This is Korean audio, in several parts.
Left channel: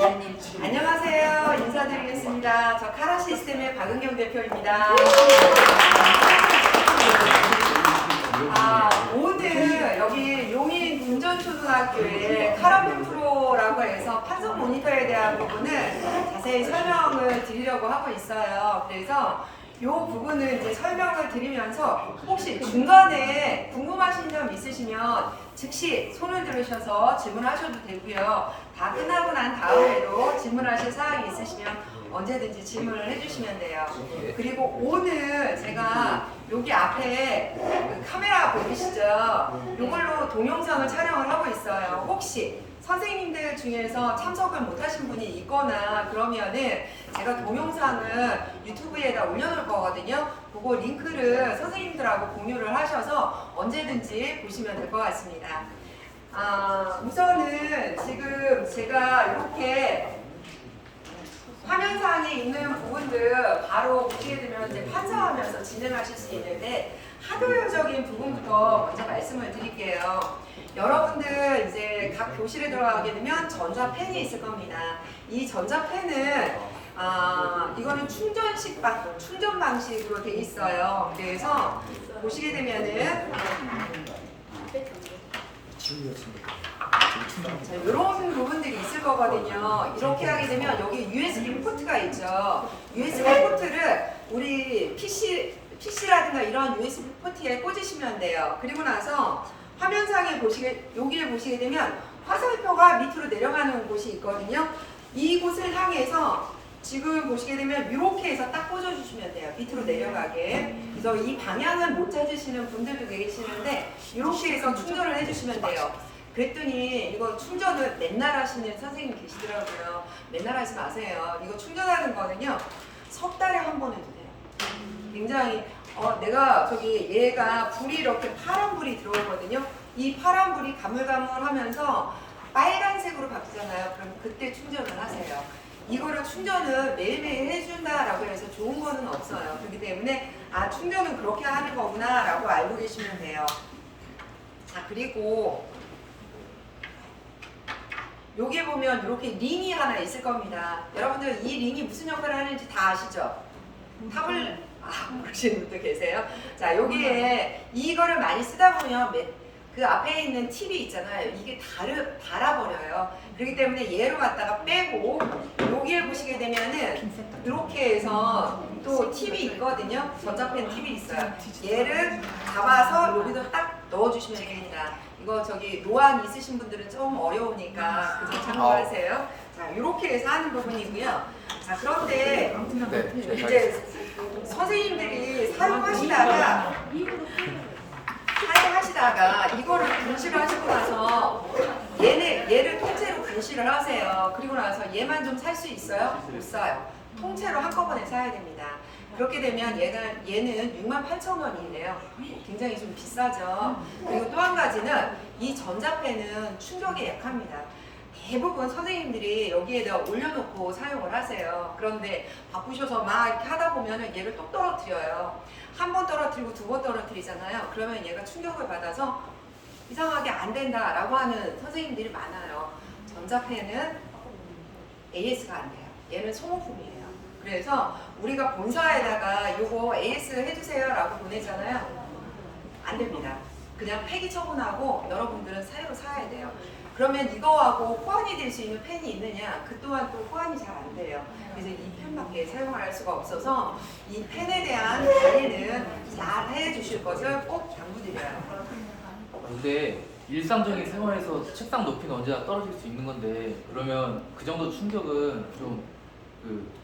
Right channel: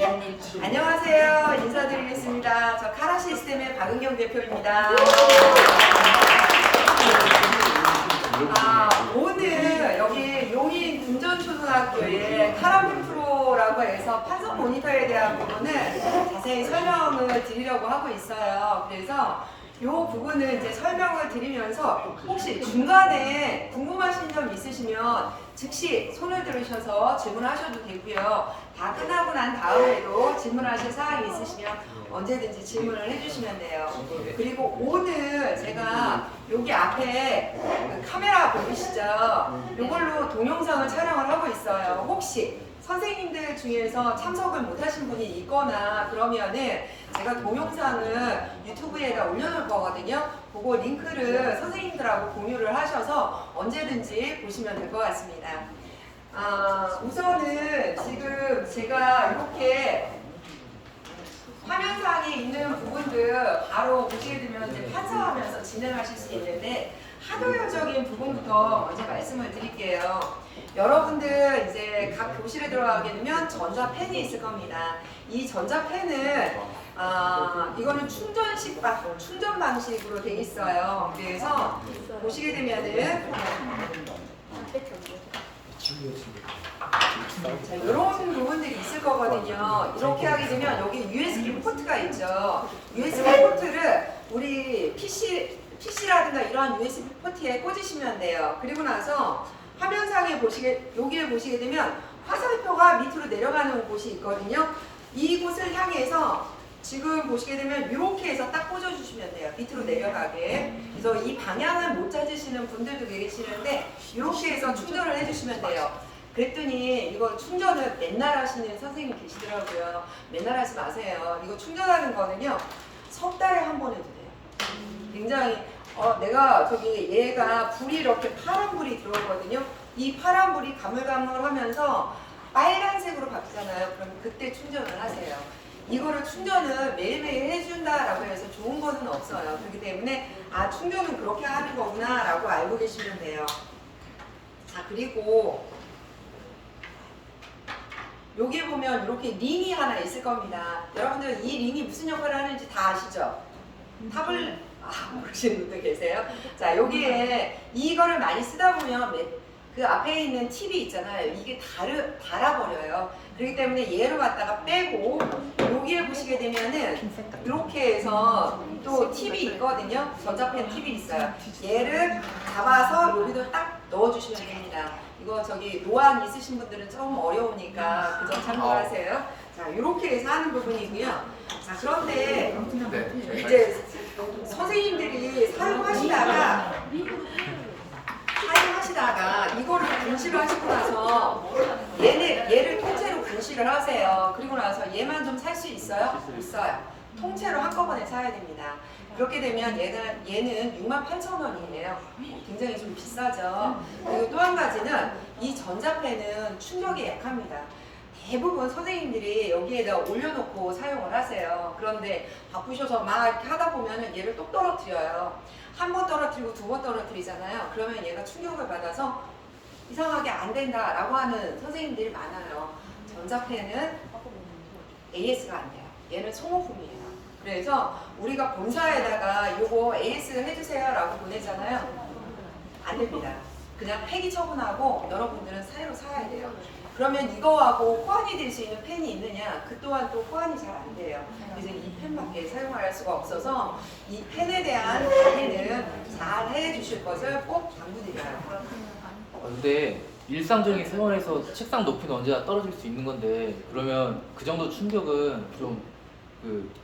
안녕하세요. 인사드리겠습니다. 저 카라 시스템의 박은경 대표입니다. 오늘 여기 용인 금전초등학교의 카라펜 프로라고 해서 판석 모니터에 대한 부분을 자세히 설명을 드리려고 하고 있어요. 그래서 이 부분을 이제 설명을 드리면서 혹시 중간에 궁금하신 점 있으시면 즉시 손을 들으셔서 질문하셔도 되고요. 다 끝나고 난 다음에도 질문하실 사항이 있으시면 언제든지 질문을 해주시면 돼요. 그리고 오늘 제가 여기 앞에 그 카메라 보이시죠? 이걸로 동영상을 촬영을 하고 있어요. 혹시 선생님들 중에서 참석을 못하신 분이 있거나 그러면은 제가 동영상을 유튜브에다 올려놓을 거거든요. 그거 링크를 선생님들하고 공유를 하셔서 언제든지 보시면 될 것 같습니다. 우선은 지금 제가 이렇게 화면상에 있는 부분들 바로 보시게 되면 이제 판사하면서 진행하실 수 있는데 하드웨어적인 부분부터 먼저 말씀을 드릴게요. 여러분들 이제 각 교실에 들어가게 되면 전자펜이 있을 겁니다. 이 전자펜은 이거는 충전 방식으로 돼 있어요. 그래서 보시게 되면은 자, 이런 부분들이 있을 거거든요. 이렇게 하게 되면 여기 USB 포트가 있죠. USB 포트를 우리 PC라든가 이런 USB 포트에 꽂으시면 돼요. 그리고 나서 화면상에 여기에 보시게 되면 화살표가 밑으로 내려가는 곳이 있거든요. 이곳을 향해서 지금 보시게 되면 이렇게 해서 딱 꽂아주시면 돼요. 밑으로 내려가게. 그래서 이 방향을 못 찾으시는 분들도 계시는데 이렇게 해서 충전을 해주시면 돼요. 그랬더니 이거 충전을 맨날 하시는 선생님 계시더라고요. 맨날 하지 마세요. 이거 충전하는 거는요. 석 달에 한 번 해도 돼요. 굉장히 내가 얘가 불이 이렇게 파란 불이 들어오거든요. 이 파란 불이 가물가물하면서 빨간색으로 바뀌잖아요. 그럼 그때 충전을 하세요. 이거를 충전을 매일매일 해준다라고 해서 좋은 거는 없어요. 그렇기 때문에 충전은 그렇게 하는 거구나 라고 알고 계시면 돼요. 자, 그리고 여기에 보면 이렇게 링이 하나 있을 겁니다. 여러분들 이 링이 무슨 역할을 하는지 다 아시죠? 탑을 모르시는 분들 계세요? 자, 여기에 이거를 많이 쓰다 보면 그 앞에 있는 팁이 있잖아요. 이게 닳아버려요. 그렇기 때문에 얘로 갖다가 빼고 여기를 보시게 되면은 이렇게 해서 또 팁이 있거든요. 전자펜 팁이 있어요. 얘를 잡아서 여기도 딱 넣어주시면 됩니다. 이거 노안 있으신 분들은 좀 어려우니까 그 점 참고하세요. 자, 이렇게 해서 하는 부분이고요. 자, 그런데 이제 선생님들이 사용하시다가 이거를 분실을 하시고 나서 얘를 통째로 분실을 하세요. 그리고 나서 얘만 좀 살 수 있어요? 못 사요. 통째로 한꺼번에 사야 됩니다. 그렇게 되면 얘는 68,000원이에요. 굉장히 좀 비싸죠. 그리고 또 한 가지는 이 전자펜은 충격에 약합니다. 대부분 선생님들이 여기에다 올려놓고 사용을 하세요. 그런데 바쁘셔서 막 이렇게 하다 보면은 얘를 똑 떨어뜨려요. 한 번 떨어뜨리고 두 번 떨어뜨리잖아요. 그러면 얘가 충격을 받아서 이상하게 안 된다라고 하는 선생님들이 많아요. 전자펜은 AS가 안 돼요. 얘는 소모품이에요. 그래서 우리가 본사에다가 요거 AS 해주세요 라고 보내잖아요. 안 됩니다. 그냥 폐기 처분하고 여러분들은 새로 사야 돼요. 그러면 이거하고 호환이 될 수 있는 펜이 있느냐? 그 또한 또 호환이 잘 안 돼요. 그래서 이 펜밖에 사용할 수가 없어서 이 펜에 대한 관리는 잘 해주실 것을 꼭 당부드려요. 근데 일상적인 생활에서 책상 높이는 언제나 떨어질 수 있는 건데 그러면 그 정도 충격은 좀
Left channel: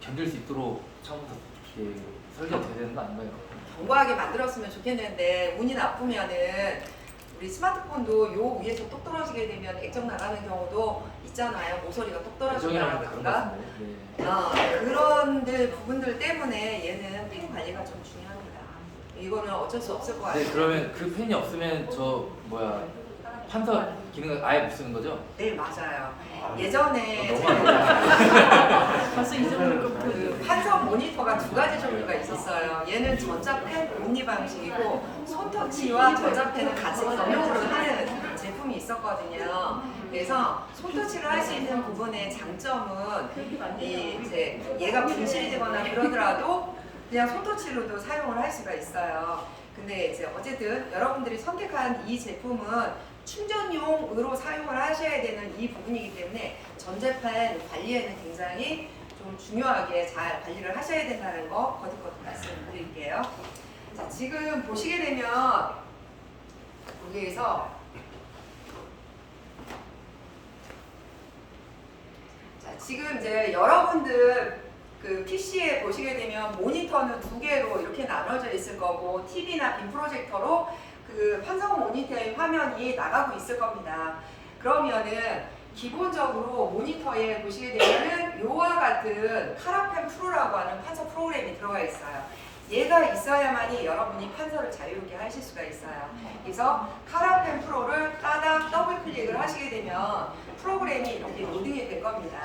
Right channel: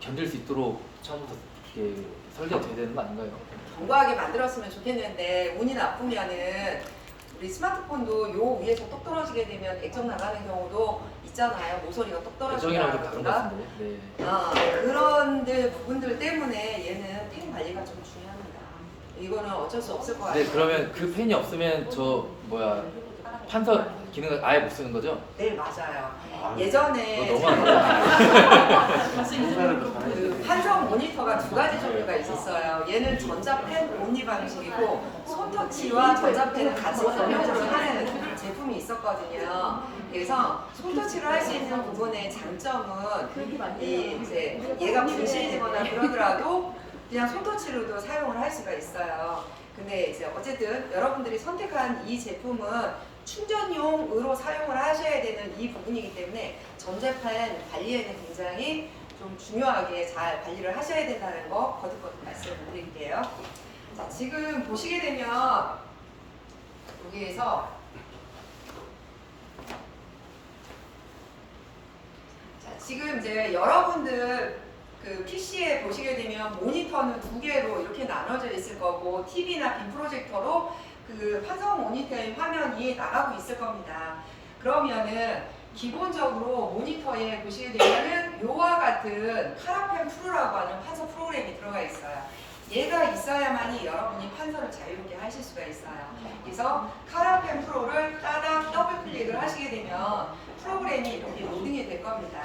견딜 수 있도록 처음부터 이렇게 설계가 돼야 되는 거 아닌가요? 견고하게 만들었으면 좋겠는데 운이 나쁘면은 우리 스마트폰도 요 위에서 똑 떨어지게 되면 액정 나가는 경우도 있잖아요. 모서리가 똑 떨어진다든가 그런 부분들 때문에 얘는 펜 관리가 좀 중요합니다. 이거는 어쩔 수 없을 것 같아요. 네, 그러면 그 펜이 없으면 판서 기능을 아예 못 쓰는 거죠? 네, 맞아요. 예전에 그 판성 모니터가 두 가지 종류가 있었어요. 얘는 전자펜 옴니 방식이고 손터치와 전자펜을 같이 겸용으로 하는 제품이 있었거든요. 그래서 손터치를 할 수 있는 부분의 장점은 이제 얘가 분실이 되거나 그러더라도 그냥 손터치로도 사용을 할 수가 있어요. 근데 이제 어쨌든 여러분들이 선택한 이 제품은 충전용으로 사용을 하셔야 되는 이 부분이기 때문에 전자펜 관리에는 굉장히 좀 중요하게 잘 관리를 하셔야 된다는 거 거듭 말씀드릴게요. 자, 지금 보시게 되면 여기에서 자, 지금 이제 여러분들 그 PC에 보시게 되면 모니터는 두 개로 이렇게 나눠져 있을 거고 TV나 빔 프로젝터로 그 판성 모니터의 화면이 나가고 있을 겁니다. 그러면은 기본적으로 모니터에 보시게 되면은 요와 같은 카라펜 프로라고 하는 판서 프로그램이 들어가 있어요. 얘가 있어야만이 여러분이 판서를 자유롭게 하실 수가 있어요. 그래서 카라펜 프로를 따닥 더블 클릭을 하시게 되면 프로그램이 이렇게 로딩이 될 겁니다.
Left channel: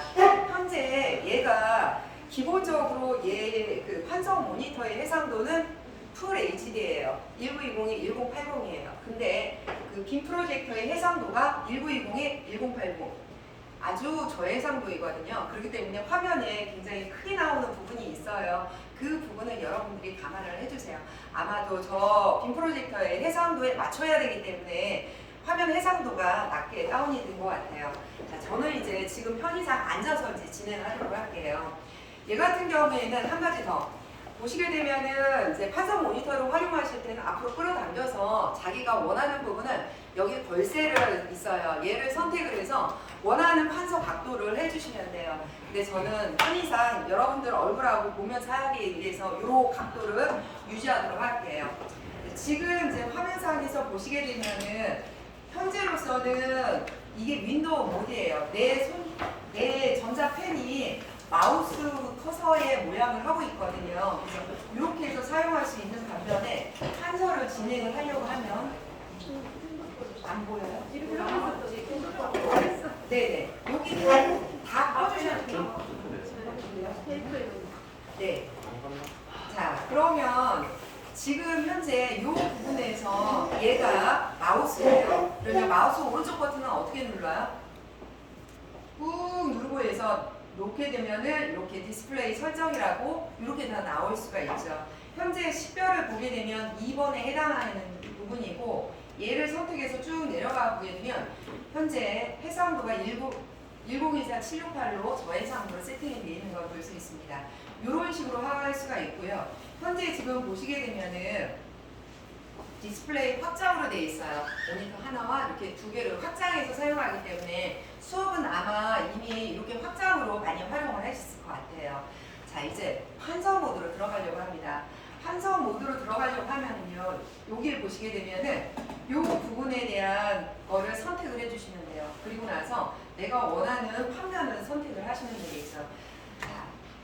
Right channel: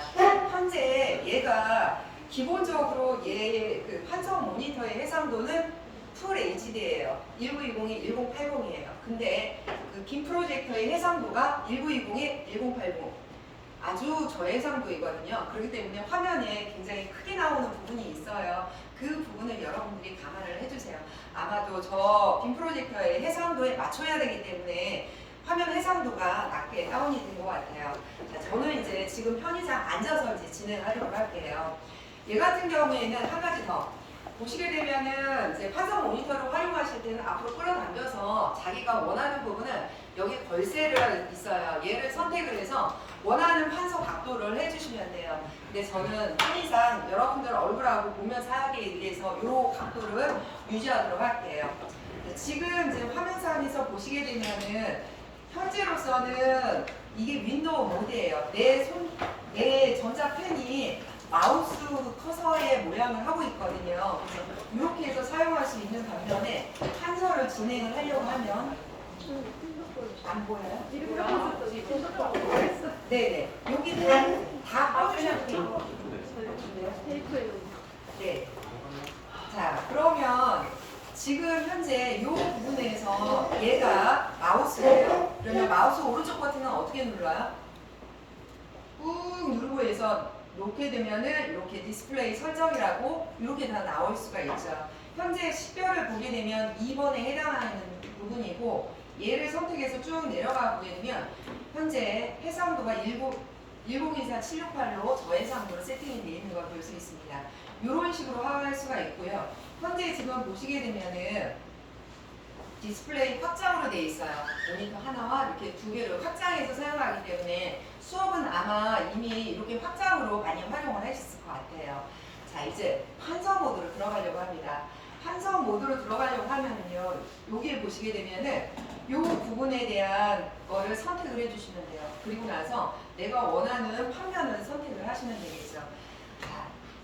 현재 얘가 기본적으로 얘의 그 판서 모니터의 해상도는 풀 HD예요. 1920에 1080이에요. 근데 그 빔 프로젝터의 해상도가 1920에 1080. 아주 저해상도이거든요. 그렇기 때문에 화면에 굉장히 크게 나오는 부분이 있어요. 그 부분을 여러분들이 감안을 해주세요. 아마도 저 빔 프로젝터의 해상도에 맞춰야 되기 때문에 화면 해상도가 낮게 다운이 된 것 같아요. 자, 저는 이제 지금 편의상 앉아서 이제 진행하도록 할게요. 얘 같은 경우에는 한 가지 더 보시게 되면은 이제 판성 모니터를 활용하실 때는 앞으로 끌어당겨서 자기가 원하는 부분은 여기 걸쇠를 있어요. 얘를 선택을 해서 원하는 판서 각도를 해주시면 돼요. 근데 저는 편의상 여러분들 얼굴하고 보면서 하기 위해서 이 각도를 유지하도록 할게요. 지금 이제 화면상에서 보시게 되면은 현재로서는 이게 윈도우 모드예요. 내 전자펜이 마우스 커서의 모양을 하고 있거든요. 그래서 이렇게 해서 사용할 수 있는 반면에 판서를 진행을 하려고 하면 안 보여요? 네네. 여기 다 꺼주셔도 돼요. 네. 자, 그러면 지금 현재 이 부분에서 얘가 마우스예요. 그러면 마우스 오른쪽 버튼은 어떻게 눌러요? 꾹 누르고 해서 놓게 되면은 이렇게 디스플레이 설정이라고 이렇게 다 나올 수가 있죠. 현재 식별을 보게 되면 2번에 해당하는 부분이고 얘를 선택해서 쭉 내려가 보게 되면 현재 해상도가 1024-768로 저해상도로 세팅이 되어 있는 걸 볼 수 있습니다. 이런 식으로 할 수가 있고요. 현재 지금 보시게 되면은 디스플레이 확장으로 되어 있어요. 모니터 하나와 이렇게 두 개를 확장해서 사용하기 때문에 수업은 아마 이미 이렇게 확장으로 많이 활용을 하셨을 것 같아요. 자, 이제 판서 모드로 들어가려고 합니다. 판서 모드로 들어가려고 하면은요, 여기에 보시게 되면은 이 부분에 대한 거를 선택을 해주시면 돼요. 그리고 나서 내가 원하는 판면을 선택을 하시면 되겠죠. 자,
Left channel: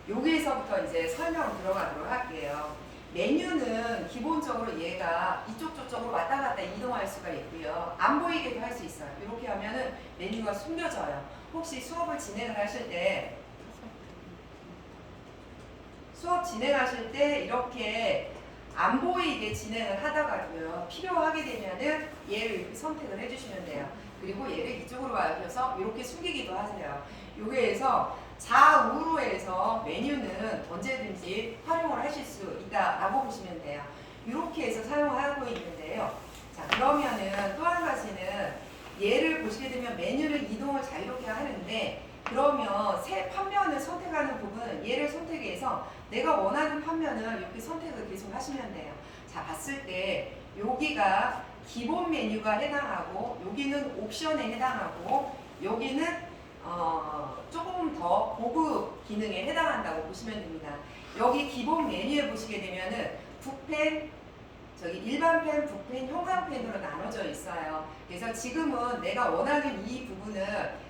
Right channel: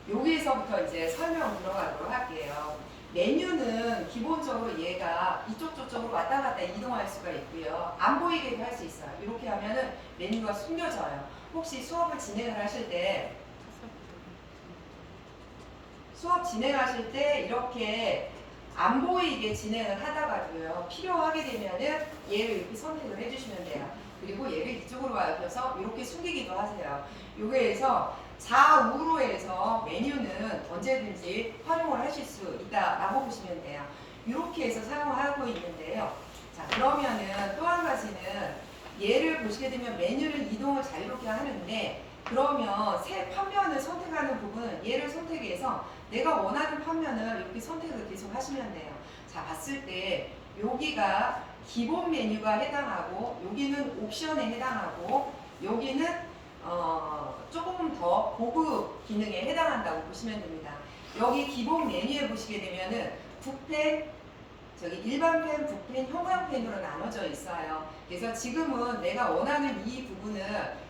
여기에서부터 이제 설명 들어가도록 할게요. 메뉴는 기본적으로 얘가 이쪽 저쪽으로 왔다 갔다 이동할 수가 있고요. 안 보이게도 할 수 있어요. 이렇게 하면은 메뉴가 숨겨져요. 혹시 수업을 진행을 하실 때 이렇게 안 보이게 진행을 하다가도요. 필요하게 되면은 얘를 이렇게 선택을 해주시면 돼요. 그리고 얘를 이쪽으로 와서 이렇게 숨기기도 하세요. 여기에서 좌우로 해서 메뉴는 언제든지 활용을 하실 수 있다라고 보시면 돼요. 이렇게 해서 사용을 하고 있는데요. 자, 그러면은 또 한 가지는 얘를 보시게 되면 메뉴를 이동을 자유롭게 하는데 그러면 새 판면을 선택하는 부분은 얘를 선택해서 내가 원하는 판면을 이렇게 선택을 계속 하시면 돼요. 자, 봤을 때 여기가 기본 메뉴가 해당하고 여기는 옵션에 해당하고 여기는 조금 더 고급 기능에 해당한다고 보시면 됩니다. 여기 기본 메뉴에 보시게 되면은 붓펜, 저기 일반 펜, 붓펜, 형광펜으로 나눠져 있어요. 그래서 지금은 내가 원하는 이 부분은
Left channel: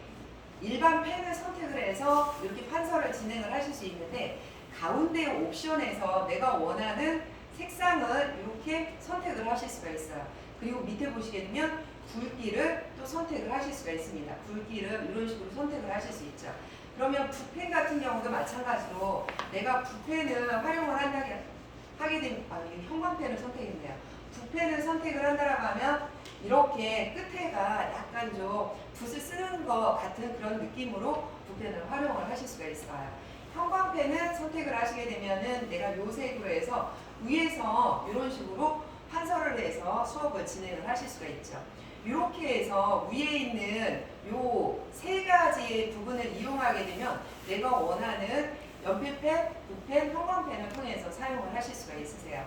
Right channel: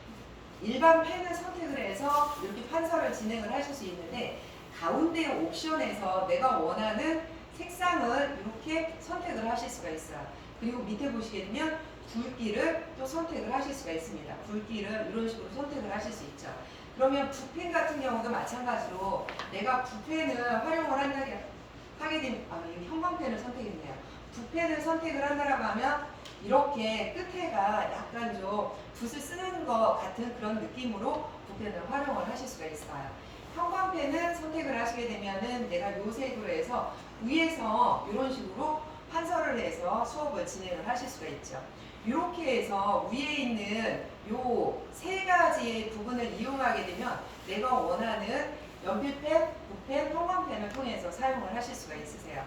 일반 펜을 선택을 해서 이렇게 판서를 진행을 하실 수 있는데 가운데 옵션에서 내가 원하는 색상을 이렇게 선택을 하실 수가 있어요. 그리고 밑에 보시게 되면 굵기를 또 선택을 하실 수가 있습니다. 굵기를 이런 식으로 선택을 하실 수 있죠. 그러면 붓펜 같은 경우도 마찬가지로 내가 붓펜을 활용을 하게 되면 이게 형광펜을 선택했네요. 붓펜을 선택을 한다라고 하면 이렇게 끝에가 약간 좀 붓을 쓰는 것 같은 그런 느낌으로 붓펜을 활용을 하실 수가 있어요. 형광펜은 선택을 하시게 되면은 내가 요 색으로 해서 위에서 이런 식으로 판서를 해서 수업을 진행을 하실 수가 있죠. 이렇게 해서 위에 있는 요 세 가지 부분을 이용하게 되면 내가 원하는 연필펜, 붓펜, 형광펜을 통해서 사용을 하실 수가 있으세요.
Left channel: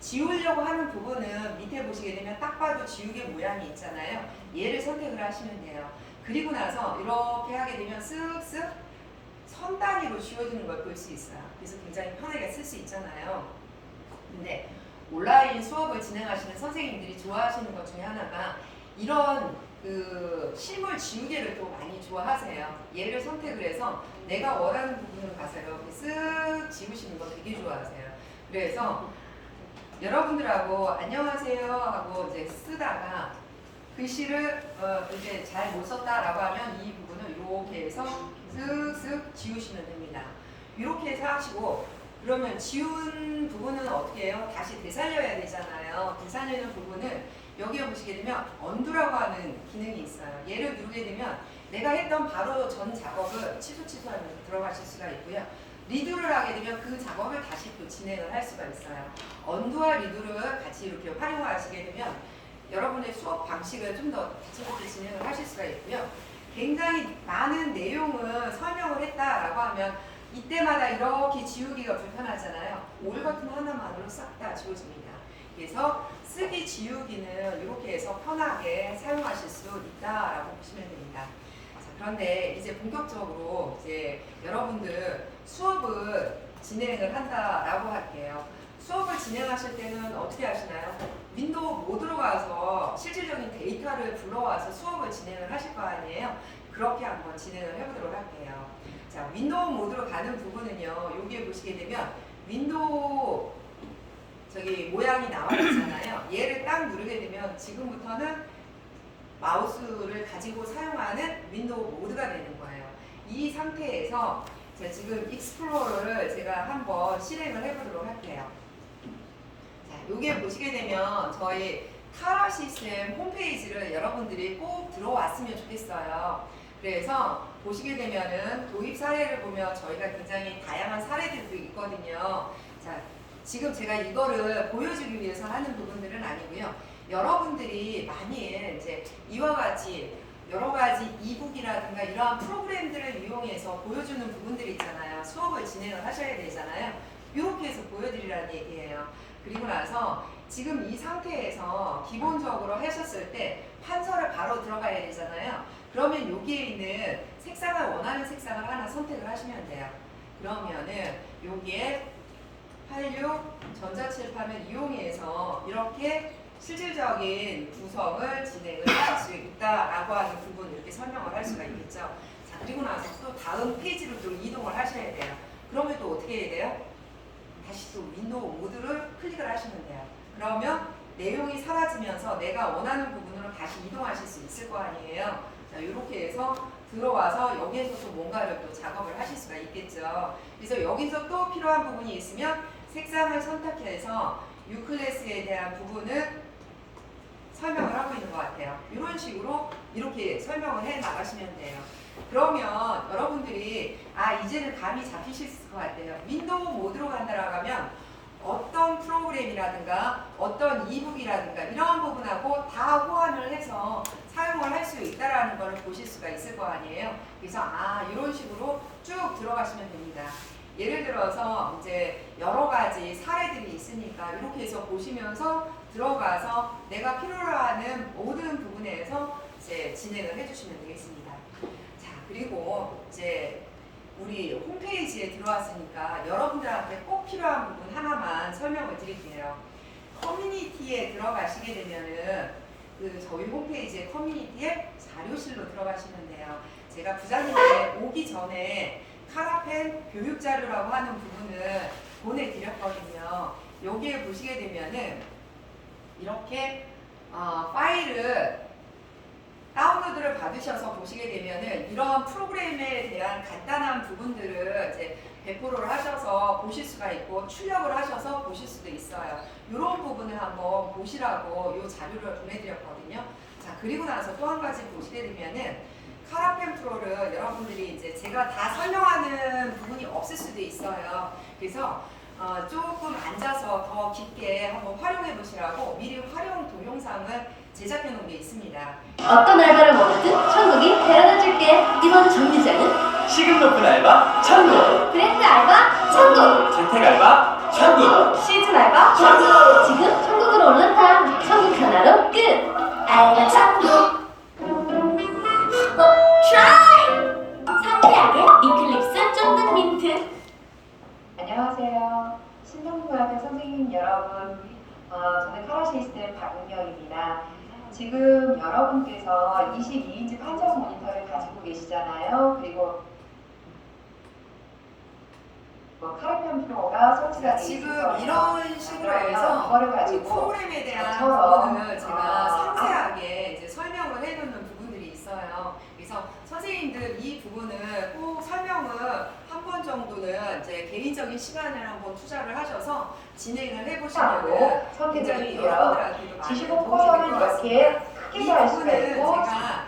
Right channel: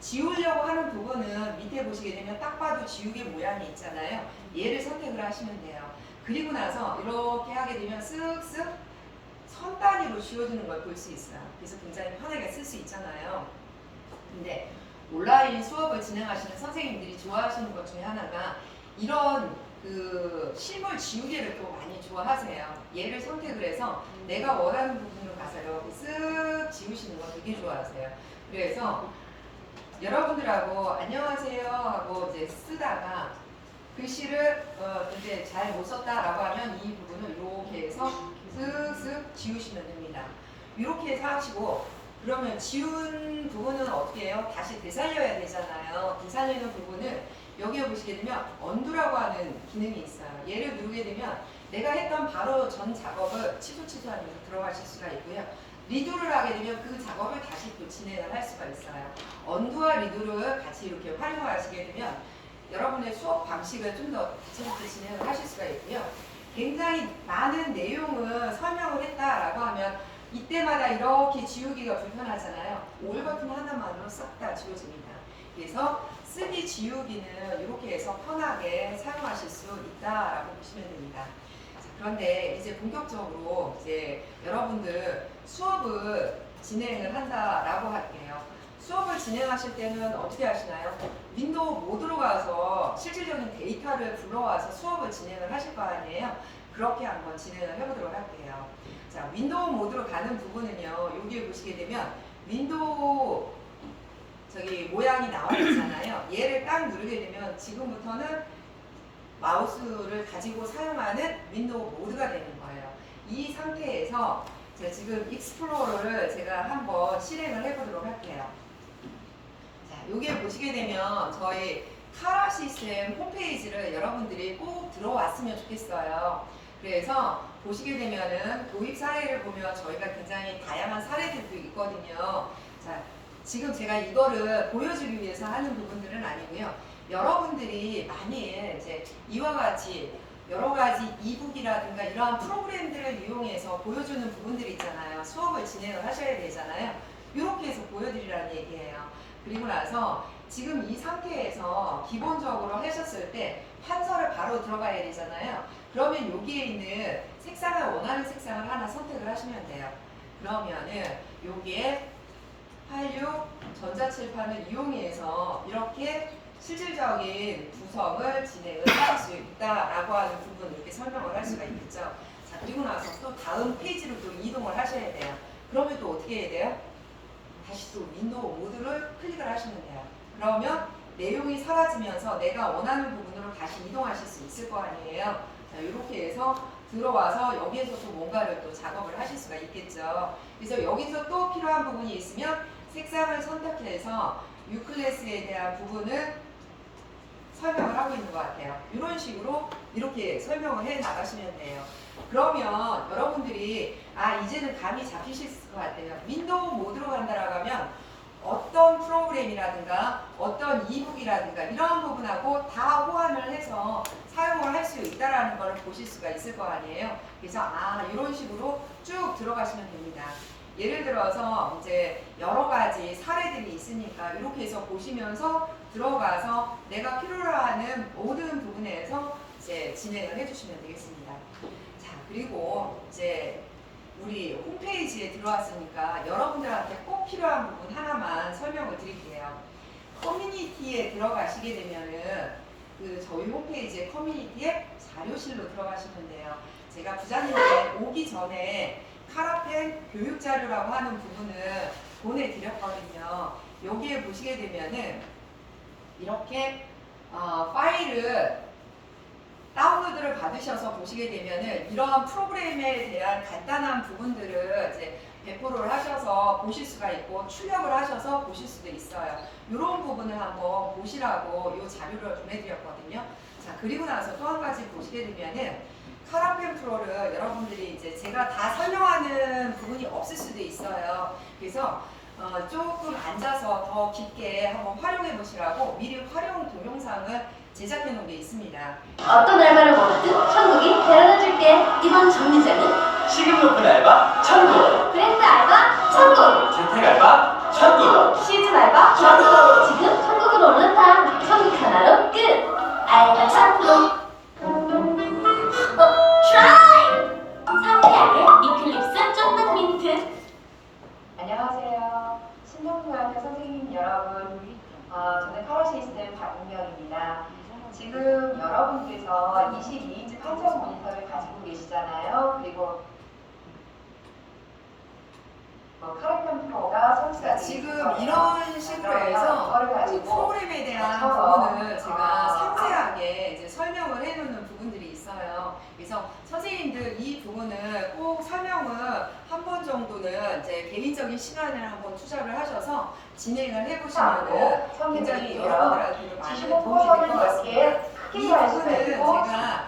지우려고 하는 부분은 밑에 보시게 되면 딱 봐도 지우개 모양이 있잖아요. 얘를 선택을 하시면 돼요. 그리고 나서 이렇게 하게 되면 쓱쓱 선 단위로 지워지는 걸 볼 수 있어요. 그래서 굉장히 편하게 쓸 수 있잖아요. 근데 온라인 수업을 진행하시는 선생님들이 좋아하시는 것 중에 하나가 이런 그 실물 지우개를 또 많이 좋아하세요. 얘를 선택을 해서 내가 원하는 부분으로 가서 이렇게 쓱 지우시는 거 되게 좋아하세요. 그래서 여러분들하고 안녕하세요 하고 이제 쓰다가 글씨를 이제 잘 못 썼다라고 하면 이 부분을 이렇게 해서 쓱쓱 지우시면 됩니다. 이렇게 해서 하시고 그러면 지운 부분은 어떻게 해요? 다시 되살려야 되잖아요. 되살리는 부분을 여기에 보시게 되면 언두라고 하는 기능이 있어요. 얘를 누르게 되면 내가 했던 바로 전 작업을 취소하면서 들어가실 수가 있고요. 리두를 하게 되면 그 작업을 다시 또 진행을 할 수가 있어요. 언두와 리두를 같이 이렇게 활용하시게 되면 여러분의 수업 방식을 좀 더 다채롭게 진행을 하실 수가 있고요. 굉장히 많은 내용을 설명을 했다라고 하면 이때마다 이렇게 지우기가 불편하잖아요. 올 버튼 하나만으로 싹 다 지워집니다. 그래서 쓰기 지우기는 이렇게 해서 편하게 사용하실 수 있다라고 보시면 됩니다. 자, 그런데 이제 본격적으로 이제 여러분들 수업을 진행을 한다라고 할게요. 수업을 진행하실 때는 어떻게 하시나요? 윈도우 모드로 가서 실질적인 데이터를 불러와서 수업을 진행을 하실 거 아니에요? 그렇게 한번 진행을 해보도록 할게요. 자, 윈도우 모드로 가는 부분은요. 여기에 보시게 되면 윈도우 모양이 나와 있잖아요. 얘를 딱 누르게 되면 지금부터는 마우스를 가지고 사용하는 윈도우 모드가 되는 거예요. 이 상태에서 제가 지금 익스플로러를 제가 한번 실행을 해보도록 할게요. 자, 여기에 보시게 되면 저희 카라 시스템 홈페이지를 여러분들이 꼭 들어왔으면 좋겠어요. 그래서 보시게 되면은 도입 사례를 보면 저희가 굉장히 다양한 사례들도 있거든요. 자, 지금 제가 이거를 보여주기 위해서 하는 부분들은 아니고요. 여러분들이 많이 이제 이와 같이 여러 가지 이북이라든가 이러한 프로그램들을 이용해서 보여주는 부분들이 있잖아요. 수업을 진행을 하셔야 되잖아요. 이렇게 해서 보여드리라는 얘기예요. 그리고 나서 지금 이 상태에서 기본적으로 하셨을 때 판서를 바로 들어가야 되잖아요. 그러면 여기에 있는 색상을 원하는 색상을 하나 선택을 하시면 돼요. 그러면은 여기에 86 전자칠판을 이용해서 이렇게 실질적인 구성을 진행을 하실 수 있다라고 하는 부분 이렇게 설명을 할 수가 있겠죠. 자, 그리고 나서 또 다음 페이지로 또 이동을 하셔야 돼요. 그러면 또 어떻게 해야 돼요? 다시 또 윈도우 모드를 클릭을 하시면 돼요. 그러면 내용이 사라지면서 내가 원하는 부분으로 다시 이동하실 수 있을 거 아니에요. 자, 이렇게 해서 들어와서 여기에서 또 뭔가를 또 작업을 하실 수가 있겠죠. 그래서 여기서 또 필요한 부분이 있으면 색상을 선택해서 U클래스에 대한 부분을 설명을 하고 있는 것 같아요. 이런 식으로 이렇게 설명을 해 나가시면 돼요. 그러면 여러분들이 이제는 감이 잡히실 것 같아요. 윈도우 모드로 간다라고 하면 어떤 프로그램이라든가 어떤 이북이라든가 이런 부분하고 다 호환을 해서 사용을 할 수 있다라는 것을 보실 수가 있을 거 아니에요. 그래서 이런 식으로 쭉 들어가시면 됩니다. 예를 들어서 이제 여러 가지 사례들이 있으니까 이렇게 해서 보시면서 들어가서 내가 필요로 하는 모든 부분에서 이제 진행을 해주시면 되겠습니다. 자, 그리고 이제 우리 홈페이지에 들어왔으니까 여러분들한테 꼭 필요한 부분 하나만 설명을 드릴게요. 커뮤니티에 들어가시게 되면은 저희 홈페이지의 커뮤니티에 자료실로 들어가시면 돼요. 제가 부장님께 오기 전에 카라펜 교육자료라고 하는 부분을 보내드렸거든요. 여기에 보시게 되면은 이렇게 파일을 다운로드를 받으셔서 보시게 되면은 이러한 프로그램에 대한 간단한 부분들을 이제 배포를 하셔서 보실 수가 있고 출력을 하셔서 보실 수도 있어요. 이런 부분을 한번 보시라고 이 자료를 보내드렸거든요. 자, 그리고 나서 또 한 가지 보시게 되면은 카라펜 프로를 여러분들이 이제 제가 다 설명하는 부분이 없을 수도 있어요. 그래서 조금 앉아서 더 깊게 한번 활용해 보시라고 미리 활용 동영상을 제작해 놓은 게 있습니다. 어떤 알바를 원하든 천국이 데려다 줄게. 이번 정류장은 시급 높은 알바 천국, 브랜드 알바 천국, 재택 알바 천국, 시즌 알바 천국. 지금 천국으로 올라타. 천국 하나로 끝. 알바 천국. 트라이. 상쾌하게 이클립스 쫀득 민트. 안녕하세요. 신동부학교 선생님 여러분, 저는 카라시스템 박은경입니다. 지금 여러분께서 22인치 판정 모니터를 가지고 계시잖아요. 그리고 카라펜 프로가 설치가 되어 지금 있어요. 이런 식으로 해서 그거를 이 가지고 프로그램에 대한 부분을 제가 상세하게 이제 설명을 해놓는 부분들이 있어요. 그래서 선생님들 이 부분을 꼭 설명을 한 번 정도는 이제 개인적인 시간을 한번 투자를 하셔서 진행을 해보시면 굉장히 여러분들한테도 많은 도움이 될 것 같습니다. 이 부분은 제가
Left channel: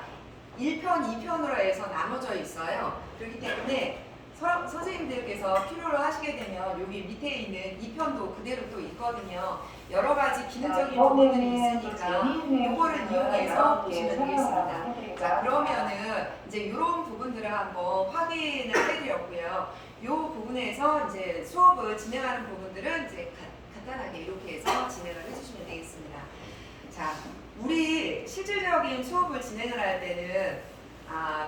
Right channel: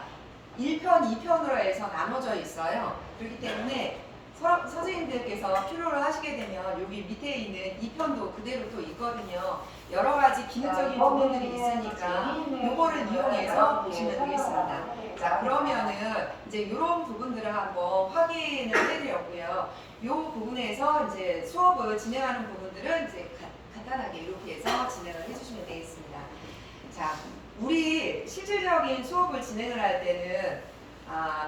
1편, 2편으로 해서 나눠져 있어요. 그렇기 때문에 선생님들께서 필요로 하시게 되면 여기 밑에 있는 2편도 그대로 또 있거든요. 여러 가지 기능적인 부분들이 있으니까 이거를 이용해서 보시면 되겠습니다. 자, 그러면은 이제 이런 부분들을 한번 확인을 해드렸고요. 이 부분에서 이제 수업을 진행하는 부분들은 이제 간단하게 이렇게 해서 진행을 해주시면 되겠습니다. 자, 우리 실질적인 수업을 진행을 할 때는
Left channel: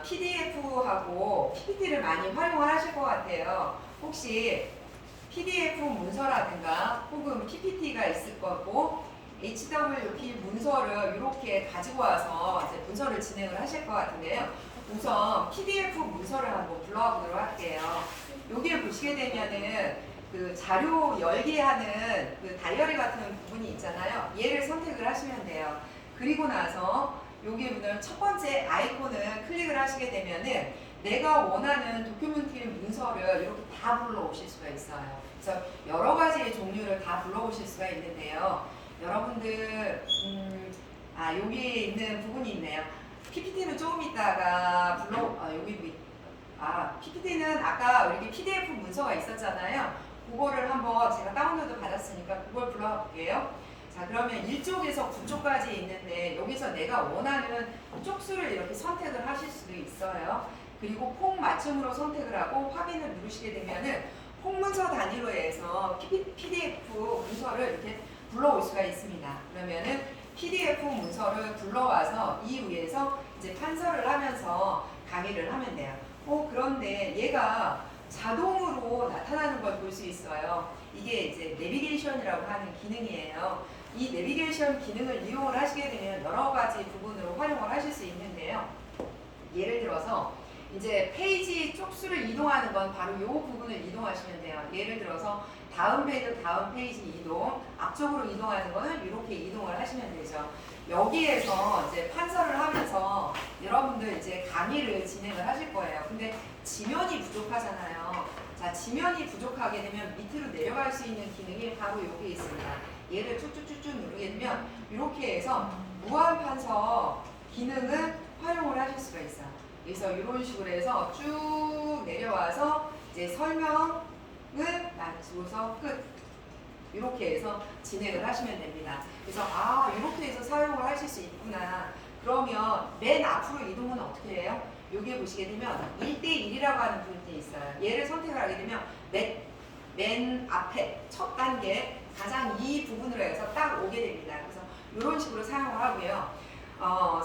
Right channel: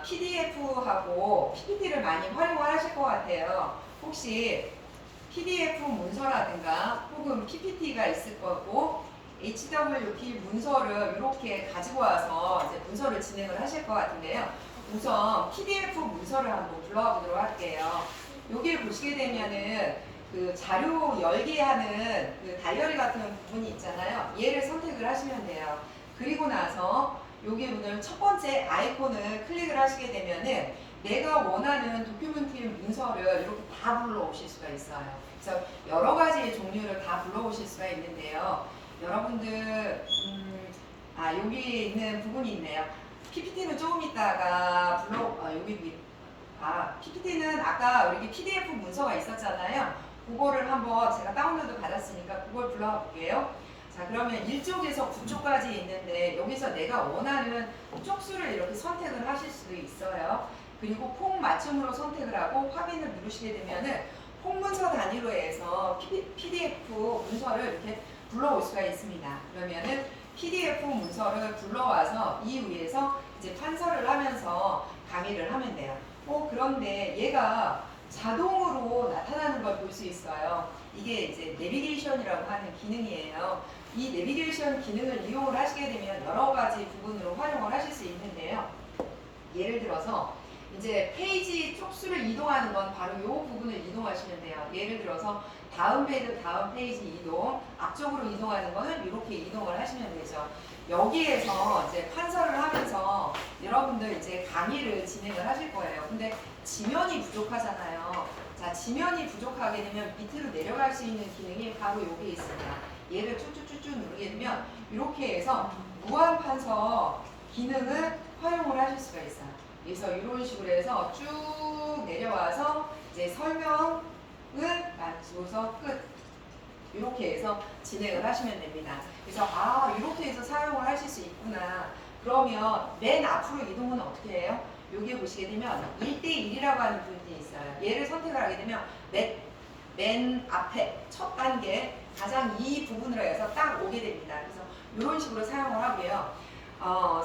PDF하고 PPT를 많이 활용을 하실 것 같아요. 혹시 PDF 문서라든가 혹은 PPT가 있을 거고 HWP 문서를 이렇게 가지고 와서 이제 문서를 진행을 하실 것 같은데요. 우선 PDF 문서를 한번 불러와 보도록 할게요. 여기를 보시게 되면은 그 자료 열기 하는 그 다이어리 같은 부분이 있잖아요. 얘를 선택을 하시면 돼요. 그리고 나서 여기 보면 첫 번째 아이콘을 클릭을 하시게 되면은 내가 원하는 도큐멘트 문서를 이렇게 다 불러오실 수가 있어요. 그래서 여러 가지의 종류를 다 불러오실 수가 있는데요. 여러분들 여기 있는 부분이 있네요. PPT는 조금 있다가 PPT는 아까 이렇게 PDF 문서가 있었잖아요. 그거를 한번 제가 다운로드 받았으니까 그걸 불러와 볼게요. 자, 그러면 1쪽에서 9쪽까지 있는데 여기서 내가 원하는 쪽수를 이렇게 선택을 하실 수도 있어요. 그리고 폼 맞춤으로 선택을 하고 확인을 누르시게 되면은 폼 문서 단위로 해서 PDF 문서를 이렇게 불러올 수가 있습니다. 그러면은 PDF 문서를 불러와서 이 위에서 이제 판서를 하면서 강의를 하면 돼요. 그런데 얘가 자동으로 나타나는 걸 볼 수 있어요. 이게 이제 내비게이션이라고 하는 기능이에요. 이 내비게이션 기능을 이용을 하시게 되면 여러 가지 부분으로 활용을 하실 수 있는데요. 예를 들어서 이제 페이지 쪽수를 이동하는 건 바로 이 부분을 이동하시면 돼요. 예를 들어서 다음 페이지 이동, 앞쪽으로 이동하는 거는 이렇게 이동을 하시면 되죠. 여기에서 이제 판서를 하면서 여러분들 이제 강의를 진행을 하실 거예요. 근데 지면이 부족하잖아요. 자, 지면이 부족하게 되면 밑으로 내려갈 수 있는 기능이 바로 여기 있습니다. 얘를 쭉쭉쭉쭉 누르게 되면 이렇게 해서 무한 판서 기능을 활용을 하실 수가 있어요. 그래서 이런 식으로 해서 쭉 내려와서 이제 설명을 맞춰서 끝. 이렇게 해서 진행을 하시면 됩니다. 그래서 이렇게 해서 사용을 하실 수 있구나. 그러면 맨 앞으로 이동은 어떻게 해요? 여기 보시게 되면 1대1이라고 하는 부분이 있어요. 얘를 선택을 하게 되면 맨 앞에 첫 단계 가장 이 부분으로 해서 딱 오게 됩니다. 그래서 이런 식으로 사용을 하고요.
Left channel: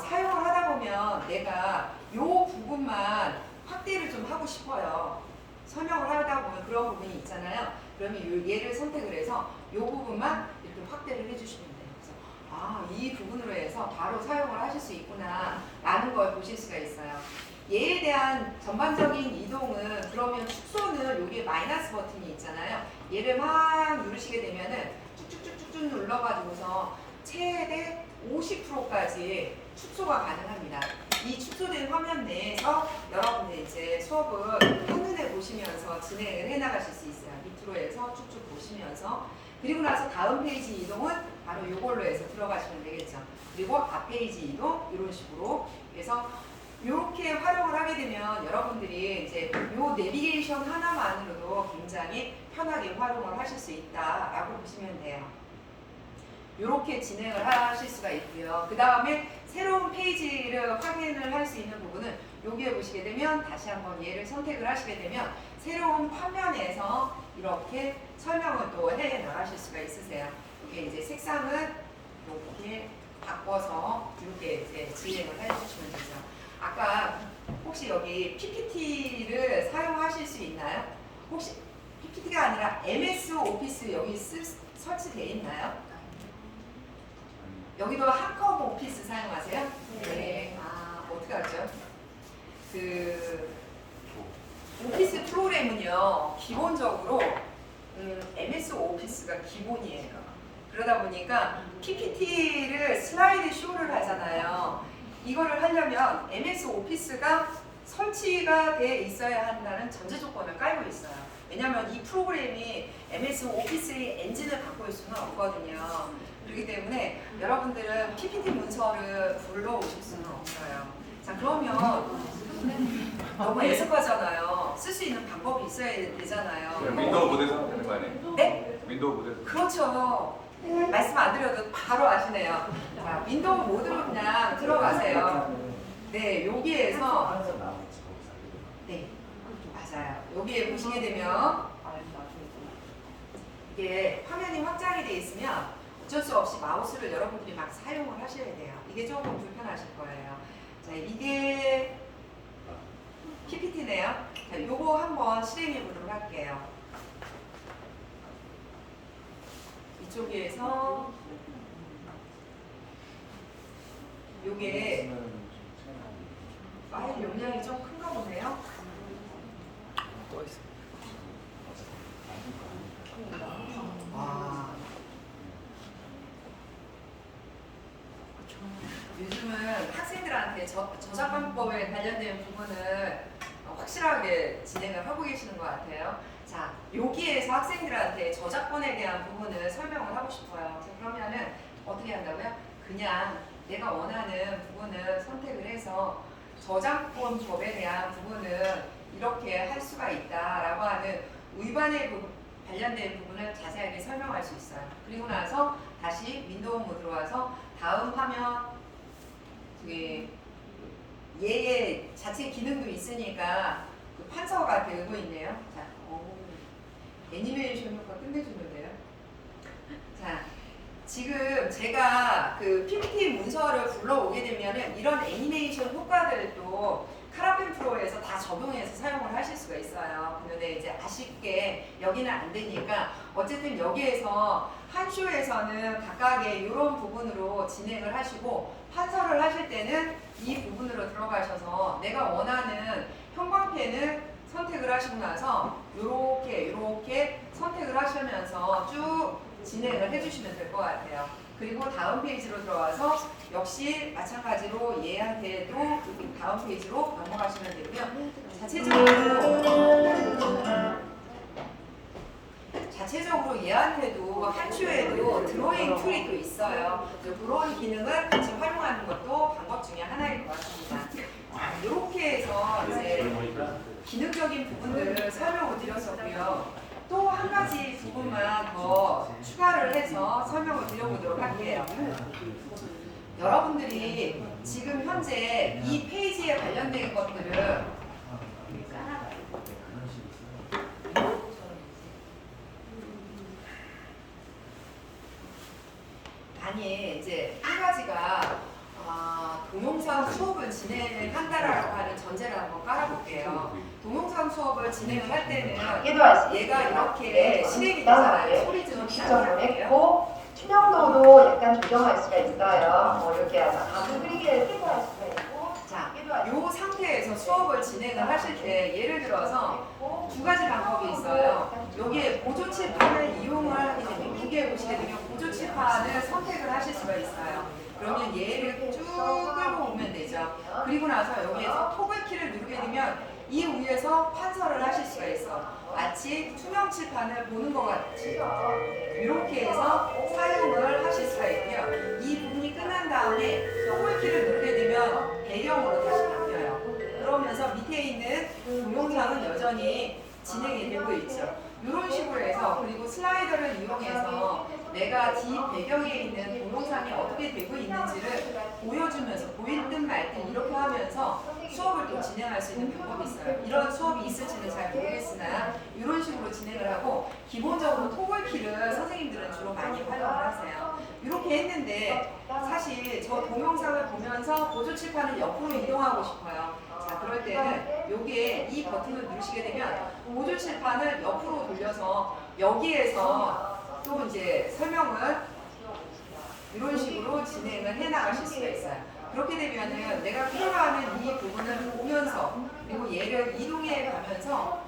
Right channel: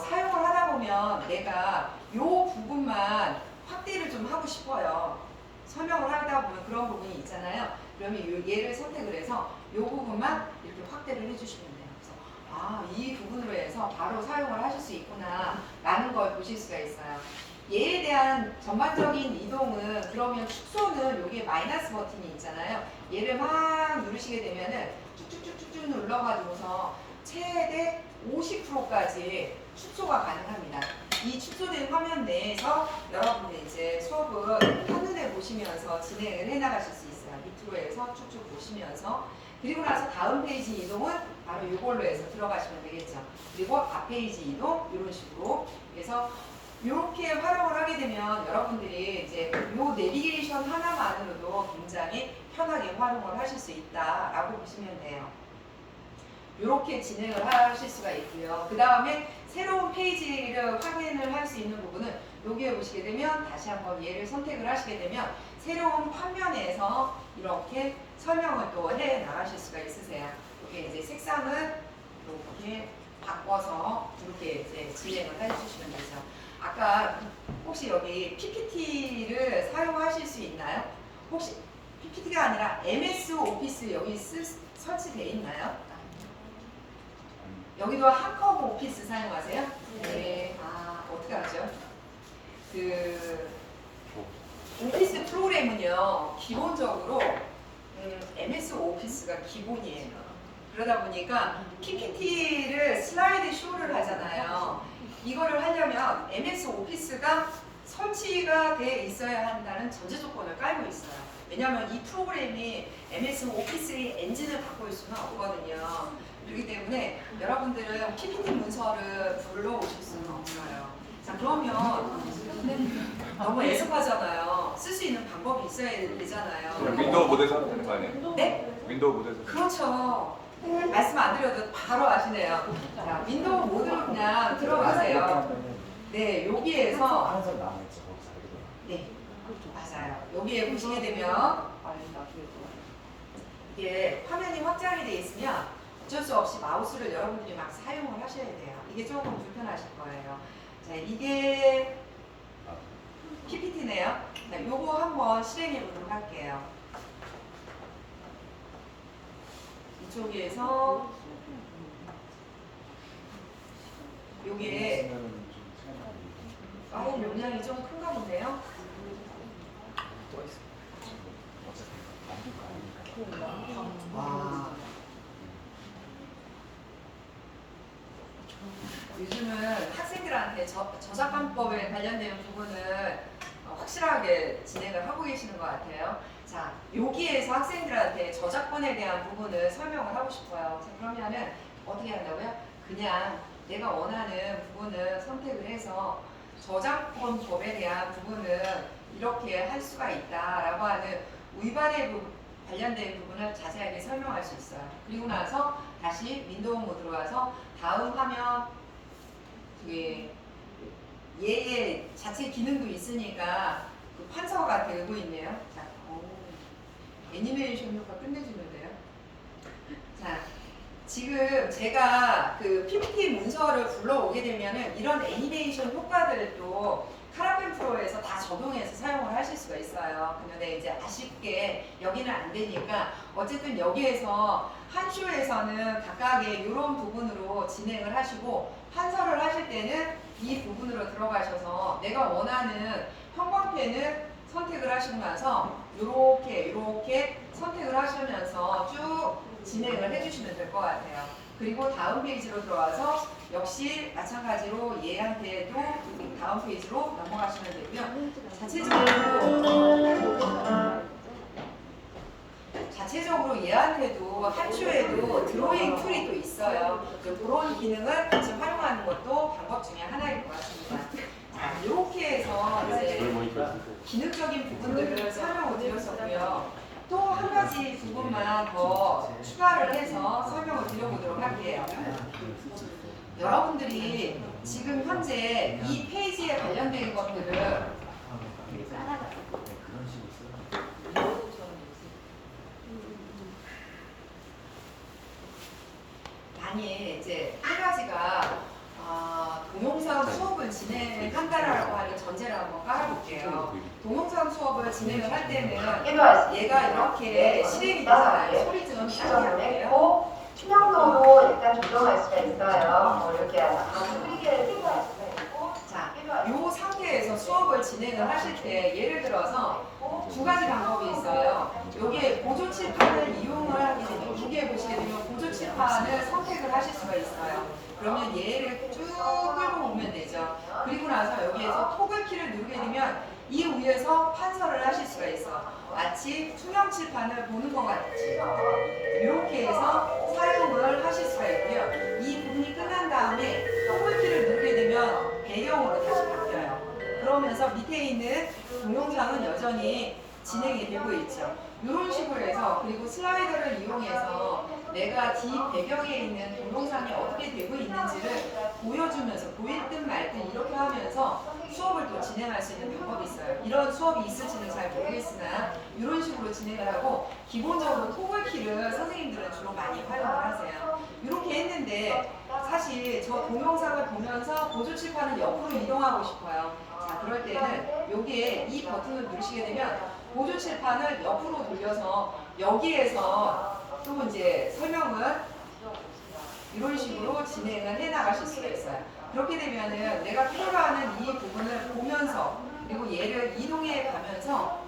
사용을 하다 보면 내가 이 부분만 확대를 좀 하고 싶어요. 설명을 하다 보면 그런 부분이 있잖아요. 그러면 얘를 선택을 해서 이 부분만 이렇게 확대를 해주시면 돼요. 그래서 이 부분으로 해서 바로 사용을 하실 수 있구나 라는 걸 보실 수가 있어요. 얘에 대한 전반적인 이동은 그러면 축소는 여기에 마이너스 버튼이 있잖아요. 얘를 막 누르시게 되면은 쭉쭉쭉쭉 눌러가지고서 최대 50%까지 축소가 가능합니다. 이 축소된 화면 내에서 여러분들 이제 수업을 한눈에 보시면서 진행을 해 나가실 수 있어요. 밑으로 해서 쭉쭉 보시면서. 그리고 나서 다음 페이지 이동은 바로 이걸로 해서 들어가시면 되겠죠. 그리고 앞 페이지 이동 이런 식으로. 그래서 이렇게 활용을 하게 되면 여러분들이 이제 요 내비게이션 하나만으로도 굉장히 편하게 활용을 하실 수 있다라고 보시면 돼요. 이렇게 진행을 하실 수가 있고요. 그 다음에 새로운 페이지를 확인을 할 수 있는 부분은 여기에 보시게 되면 다시 한번 얘를 선택을 하시게 되면 새로운 화면에서 이렇게 설명을 또 해 나가실 수가 있으세요. 이게 이제 색상은 이렇게 바꿔서 이렇게 이제 진행을 해주시면 되죠. 아까 혹시 여기 PPT를 사용하실 수 있나요? 혹시 PPT가 아니라 MS 오피스 여기 설치되어 있나요? 여기도 한컴 오피스 사용하세요? 네. 아, 어떻게 알죠? 그 오피스 프로그램은요, 기본적으로 MS 오피스가 기본이에요. 그러다 보니까 PPT를 슬라이드 쇼를 하잖아요. 이거를 하려면 MS 오피스가 설치가 돼 있어야 한다는 전제 조건을 깔고 있어요. 왜냐하면 이 프로그램이 MS 오피스의 엔진을 갖고 있을 수는 없거든요. 그렇기 때문에 여러분들은 PPT 문서를 불러오실 수는 없어요. 자, 그러면 너무 애석하잖아요. 쓸 수 있는 방법이 있어야 되잖아요. 윈도우 모드에서 하면 되는 거 아니에요? 네? 윈도우 모드에서. 그렇죠. 말씀 안 드려도 바로 아시네요. 자, 윈도우 모드로 그냥 들어가세요. 네, 여기에서 네, 맞아요. 여기에 보시게 되면 이게 화면이 확장이 돼 있으면 어쩔 수 없이 마우스를 여러분들이 막 사용을 하셔야 돼요. 이게 조금 불편하실 거예요. 자, 이게 PPT네요. 자, 요거 한번 실행해 보도록 할게요. 이쪽에서 요게 파일 용량이 좀 큰가 보네요. 와. 요즘은 학생들한테 저작권법에 관련된 부분을 확실하게 진행을 하고 계시는 것 같아요. 자, 여기에서 학생들한테 저작권에 대한 부분을 설명을 하고 싶어요. 자, 그러면은 어떻게 한다고요? 그냥 내가 원하는 부분을 선택을 해서 저작권법에 대한 부분을 이렇게 할 수가 있다라고 하는 위반에 관련된 부분을 자세하게 설명할 수 있어요. 그리고 나서 다시 윈도우 모드로 와서 다음 화면 얘의 자체 기능도 있으니까 그 판서가 되고 있네요. 자, 애니메이션 효과 끝내주는데요. 자, 지금 제가 그 PPT 문서를 불러오게 되면은 이런 애니메이션 효과들도 카라펜 프로에서 다 적용해서 사용을 하실 수가 있어요. 근데 이제 아쉽게 여기는 안 되니까 어쨌든 여기에서 한 쇼에서는 각각의 이런 부분으로 진행을 하시고 판서를 하실 때는 이 부분으로 들어가셔서 내가 원하는 형광펜을 선택을 하시고 나서 이렇게 선택을 하시면서 쭉 진행을 해주시면 될 것 같아요. 그리고 다음 페이지로 들어와서 역시 마찬가지로 얘한테도 다음 페이지로 넘어가시면 되고요. 자체적으로 얘한테도 한 주에도 드로잉 툴이 또 있어요. 그런 기능을 같이 활용하는 것도 방법 중에 하나일 것 같습니다. 이렇게 해서 이제 기능적인 부분들을 설명을 드렸었고요. 또 한 가지 부분만 더 추가를 해서 설명을 드려보도록 할게요. 여러분들이 지금 현재 이 페이지에 관련된 것들을 많이 이제 한 가지가 동영상 수업을 진행한다라고 하는 전제를 한번 깔아볼게요. 동영상 수업을 진행을 할 때는 얘가 이렇게 실행이 되잖아요. 소리 좀 작게 할게요. 했고 투명도도 약간 조정할 수가 있어요. 이렇게 해서 흐리게 수가 있고 자, 이 상태에서 수업을 진행을 하실 때 예를 들어서 두 가지 방법이 있어요. 여기에 보조칠판을 이용을 하게 되면 여기에 보시게 되면 보조칠판을 선택을 하실 수가 있어요. 그러면 얘를 쭉 끌고 오면 되죠. 그리고 나서 여기에서 토글키를 누르게 되면 이 위에서 판서를 하실 수가 있어. 마치 투명 칠판을 보는 것 같이 이렇게 해서 사용을 하실 수가 있고요. 이 부분이 끝난 다음에 토글키를 누르게 되면 배경으로 다시 바뀌어요. 그러면서 밑에 있는 동영상은 여전히 진행이 되고 있죠. 이런 식으로 해서 그리고 슬라이더를 이용해서 내가 뒤 배경에 있는 동영상이 어떻게 되고 있는지를 보여주면서 보일 듯 말 듯 이렇게 하면서 수업을 또 진행할 수 있는 방법이 있어요. 이런 수업이 있을지는 잘 모르겠으나 이런 식으로 진행을 하고 기본적으로 토글키를 선생님들은 주로 많이 활용을 하세요. 이렇게 했는데 사실 저 동영상을 보면서 보조칠판을 옆으로 이동하고 싶어요. 자, 그럴 때는 여기에 이 버튼을 누르시게 되면 보조칠판을 옆으로 돌려서 여기에서 또 이제 설명을 이런 식으로 진행을 해 나가실 수가 있어요. 그렇게 되면은 내가 필요로 하는 이 부분을 보면서 그리고 얘를 이동해 가면서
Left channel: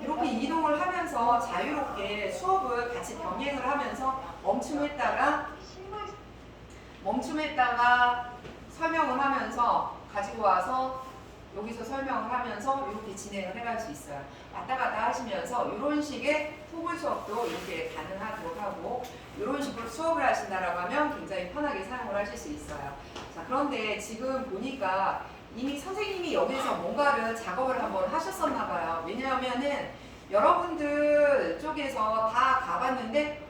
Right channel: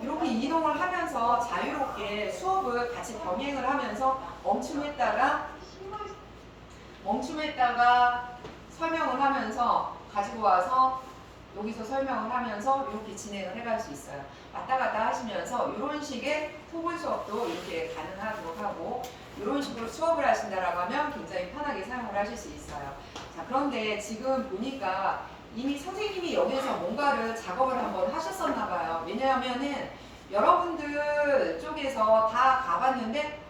이렇게 이동을 하면서 자유롭게 수업을 같이 병행을 하면서 멈춤했다가 설명을 하면서 가지고 와서 여기서 설명을 하면서 이렇게 진행을 해갈 수 있어요. 왔다 갔다 하시면서 이런 식의 토글 수업도 이렇게 가능하도록 하고 이런 식으로 수업을 하신다라고 하면 굉장히 편하게 사용을 하실 수 있어요. 자, 그런데 지금 보니까 이미 선생님이 여기서 뭔가를 작업을 한번 하셨었나 봐요. 왜냐하면은 여러분들 쪽에서 다 가봤는데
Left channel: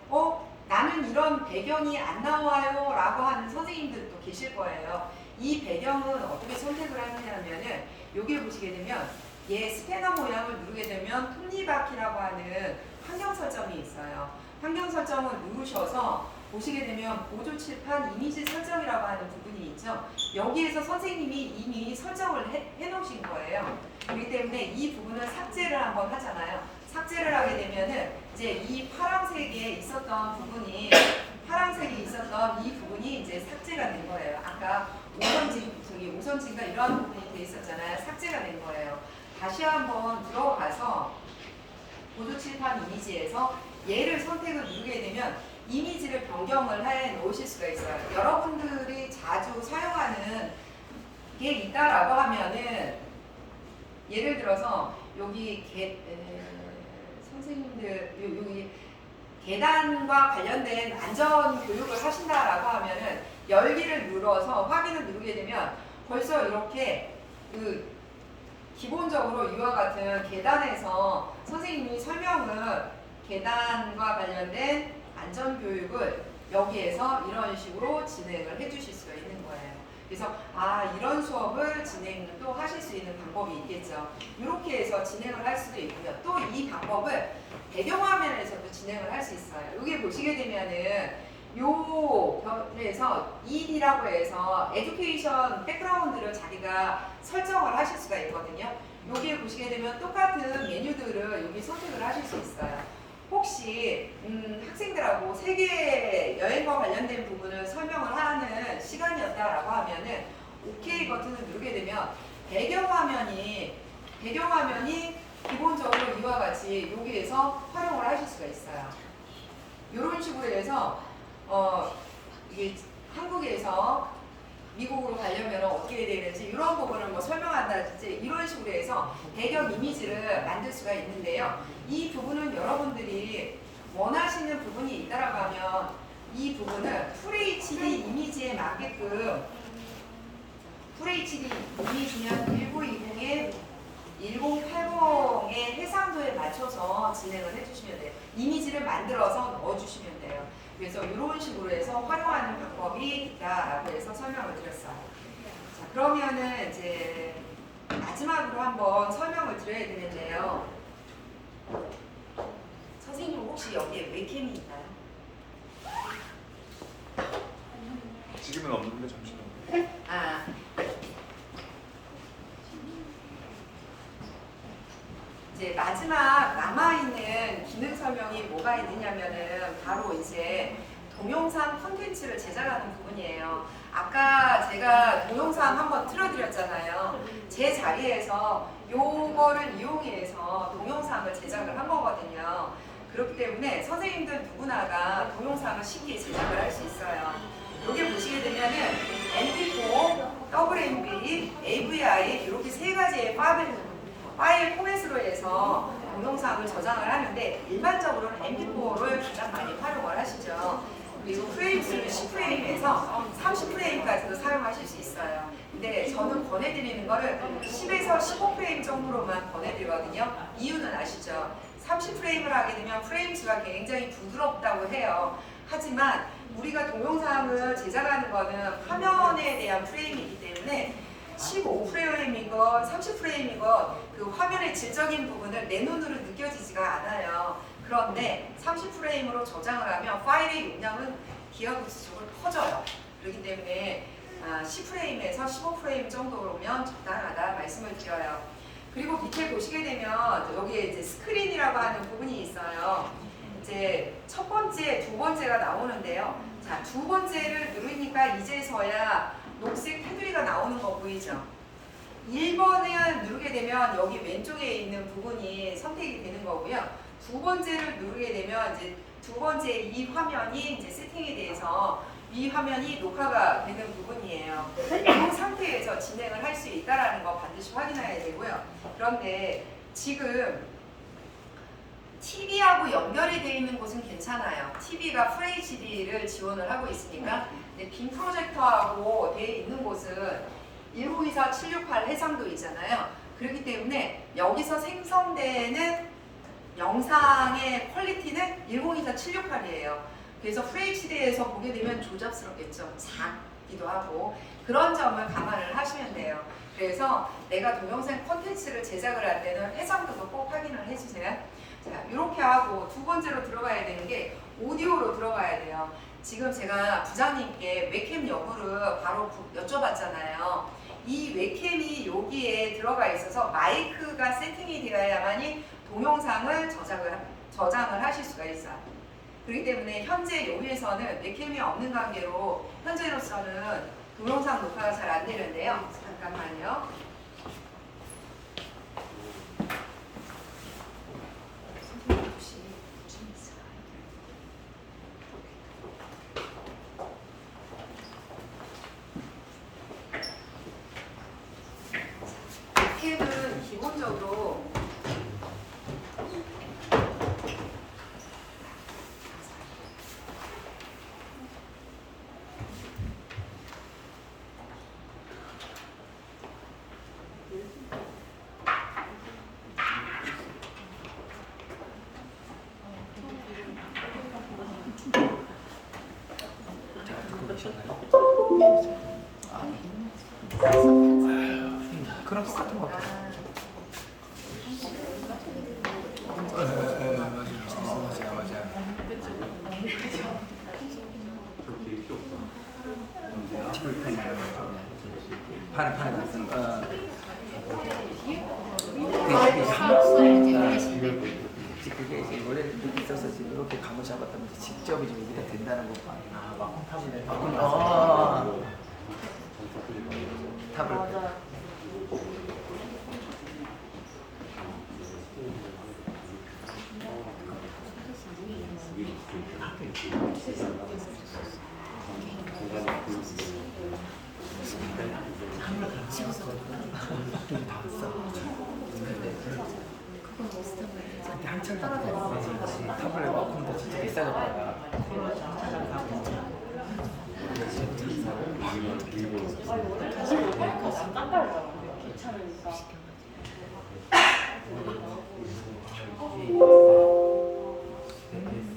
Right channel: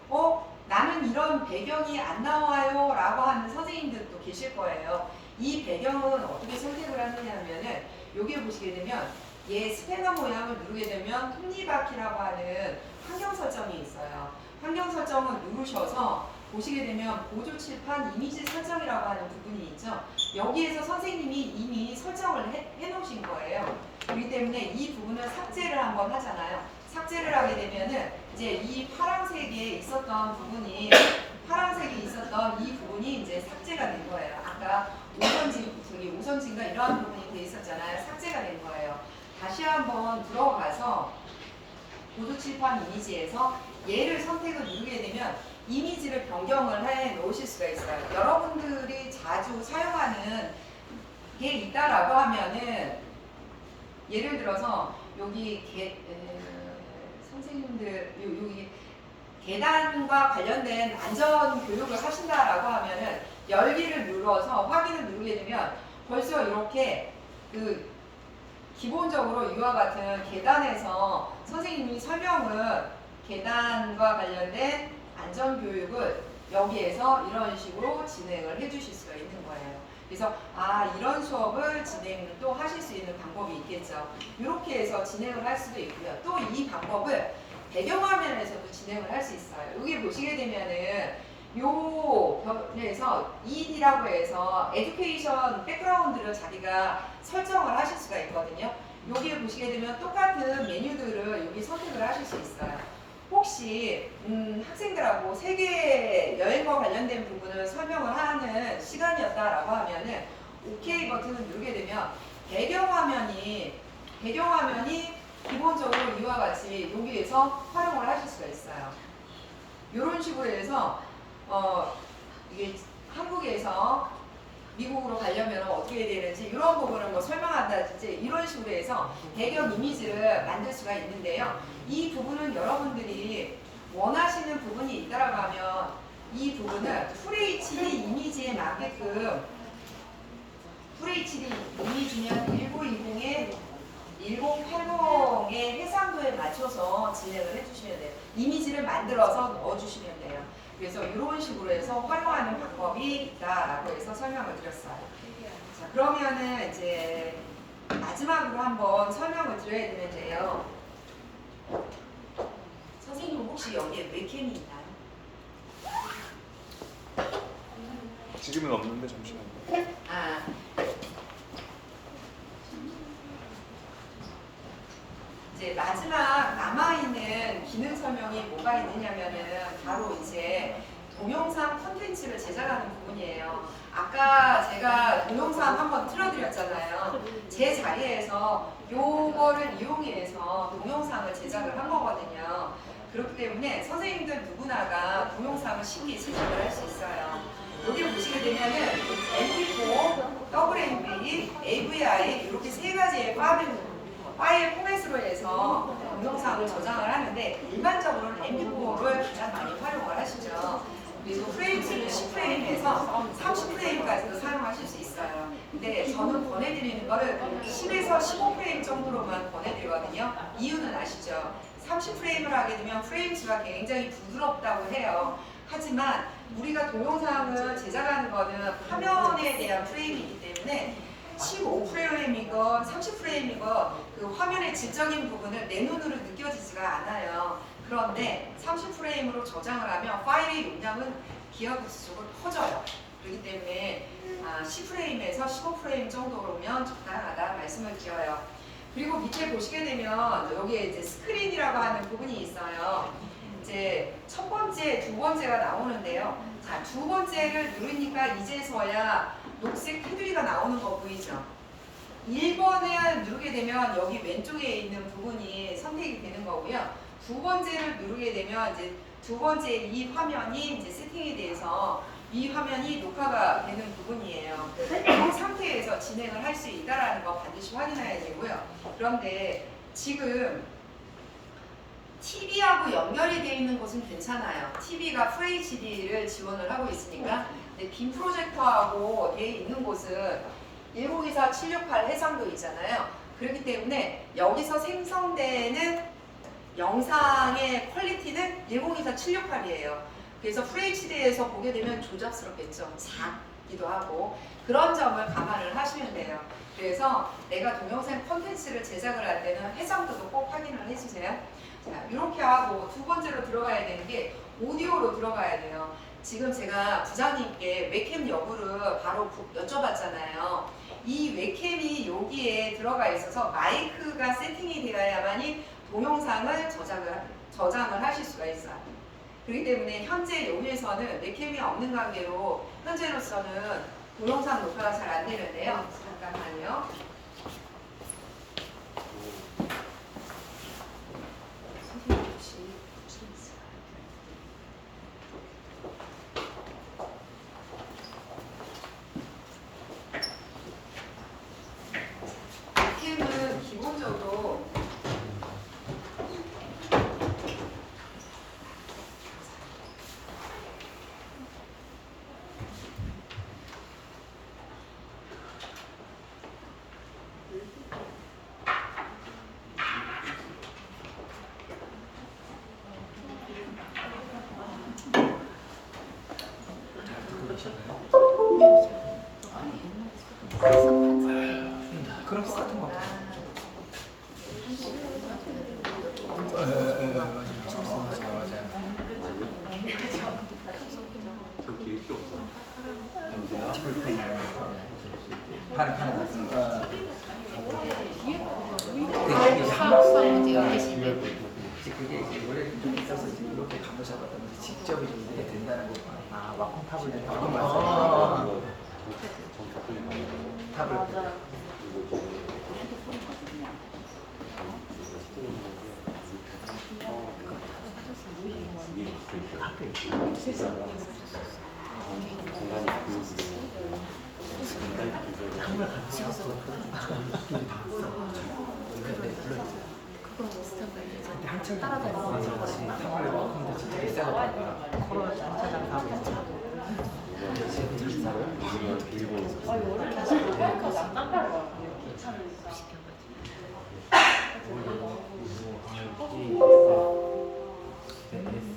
나는 이런 배경이 안 나와요 라고 하는 선생님들도 계실 거예요. 이 배경은 어떻게 선택을 하느냐면은 여기 보시게 되면 얘 스패너 모양을 누르게 되면 톱니바퀴라고 하는 환경 설정이 있어요. 환경 설정을 누르셔서 보시게 되면 보조칠판 이미지 설정이라고 하는 부분이 있죠. 여기에서 선생님이 이미 설정을 해 놓으신 거예요. 그렇기 때문에 이 부분을 삭제를 한번 하잖아요. 삭제를 하게 되면은 이제 이 파란색에 있었던 부분이 이 부분이 이제 삭제가 된 거예요. 아까 우선진과 이러한 부분이 돼 있었잖아요. 삭제가 된 거예요. 다시 한번 들어가서 보조칠판 이미지에서 얘를 선택을 누르게 되면 이미지를 변경을 해 놓으실 수가 있어요. 여러분들이 자주 사용하는 게 있다라고 하면은 예를 들어서 여기 선생님들 여기 계단과 관련된 안전 교육을 하신다라고 하면은 열기를 눌러서 확인을 누르게 되면 벌써 이렇게 기본적으로 이와 같은 계단에서 선생님이 설명을 계단과 관련된 안전 교육을 여기에서 이런 식으로 진행을 해 주실 수가 있는 거예요. 그래서 이런 수업을 진행을 또 하실 수 있는 방법이 있겠죠. 이렇게 해서 진행을 할 수도 있고요. 또 이 방법을 배경화면에서도 진행을 할 수 있어요. 여기 보시게 되면은 요 벽에서 ED라고 해서 에듀케이션 백그라운드를 자기가 설정을 하실 수가 있거든요. 여기에 보시게 되면 똑같은 메뉴들을 여기 선택을 하실 수 있어요. 혹시 학생들하고 세계 여행과 관련된 부분을 설명을 하는 시간이었다라고 하면은 OK 버튼을 누르게 되면 배경화면이 기본적으로 이와 같이 여기에서 활용을 하실 수가 있어요. 이런 식으로 해서 이게 한국에서 미국으로 가려면 어떻게 되는지 이런 부분을 뭐 설명한다든지 이런 식으로 해서 배경 이미지를 만들 수가 있는데요. 이 부분은 여러분들이 원하시는 부분이 있다라고 하면 이 부분을 FHD 이미지에 맞게끔 FHD 이미지는 1920에 1080의 해상도에 맞춰서 진행을 해주시면 돼요. 이미지를 만들어서 넣어주시면 돼요. 그래서 이런 식으로 해서 활용하는 방법이 있다라고 해서 설명을 드렸어요. 자, 그러면은 이제 마지막으로 한번 설명을 드려야 되는데요. 선생님 혹시 여기에 웹캠이 있나요? 지금은 없는데 잠시만요. 이제 마지막 남아있는 기능 설명이 뭐가 있느냐면은 바로 이제 동영상 콘텐츠를 제작하는 부분이에요. 아까 제가 동영상 한번 틀어드렸잖아요. 제 자리에서 요거를 이용해서 동영상을 제작을 한 거거든요. 그렇기 때문에 선생님들 누구나가 동영상을 쉽게 제작을 할 수 있어요. 여기 보시게 되면은 MP4, WMV, AVI 이렇게 세 가지의 파일 포맷으로 해서 동영상을 저장을 하는데 일반적으로는 MP4를 가장 많이 활용을 하시죠. 그리고 프레임수를 10프레임에서 30프레임까지도 사용하실 수 있어요. 근데 저는 권해드리는 거를 10에서 15프레임 정도로만 권해드리거든요. 이유는 아시죠? 30프레임을 하게 되면 프레임수가 굉장히 부드럽다고 해요. 하지만 우리가 동영상을 제작하는 거는 화면에 대한 프레임이기 때문에 15프레임이건 30프레임이건 그 화면의 질적인 부분을 내 눈으로 느껴지지가 않아요. 그런데 30프레임으로 저장을 하면 파일의 용량은 기하급수적으로 커져요. 그렇기 때문에 10프레임에서 15프레임 정도면 적당하다 말씀을 드려요. 그리고 밑에 보시게 되면 여기에 이제 스크린이라고 하는 부분이 있어요. 이제 첫 번째, 두 번째가 나오는데요. 자, 두 번째를 누르니까 이제서야 녹색 테두리가 나오는 거 보이죠? 1번을 누르게 되면 여기 왼쪽에 있는 부분이 선택이 되는 거고요. 두 번째를 누르게 되면 이제 두 번째 이 화면이 이제 세팅이 돼서 이 화면이 녹화가 되는 부분이에요. 이 상태에서 진행을 할 수 있다는 거 반드시 확인해야 되고요. 그런데 지금 TV하고 연결이 되어 있는 곳은 괜찮아요. TV가 FHD를 지원을 하고 있으니까. 근데 빔 프로젝터하고 되어 있는 곳은 1024-768 해상도 있잖아요. 그렇기 때문에 여기서 생성되는 영상의 퀄리티는 1024-768이에요. 그래서 FHD에서 보게 되면 조잡스럽겠죠. 작기도 하고. 그런 점을 감안을 하시면 돼요. 그래서 내가 동영상 콘텐츠를 제작을 할 때는 해상도도 꼭 확인을 해주세요. 자, 이렇게 하고 두 번째로 들어가야 되는 게 오디오로 들어가야 돼요. 지금 제가 부장님께 웹캠 여부를 바로 여쭤봤잖아요. 이 웹캠이 여기에 들어가 있어서 마이크가 세팅이 되어야만이 동영상을 저장을 하실 수가 있어요. 그렇기 때문에 현재 여기에서는 웹캠이 없는 관계로 현재로서는 동영상 녹화가 잘 안 되는데요. 잠깐만요. 선생님 혹시 있을까요? 웹캠은 기본적으로 그럼 똑같은 것 같아요. 맞아요. 판에 놨던 거. 그게 이제 노래를 이렇게 써서 이렇게 감을 잡았다면 직접 이제 여기다 된다는 거 봐. 아, 와콤 탑을 바꾼 거. 탑을. 한참 탑을 와콤도 진짜 비싸졌다가 코로나 한참 사고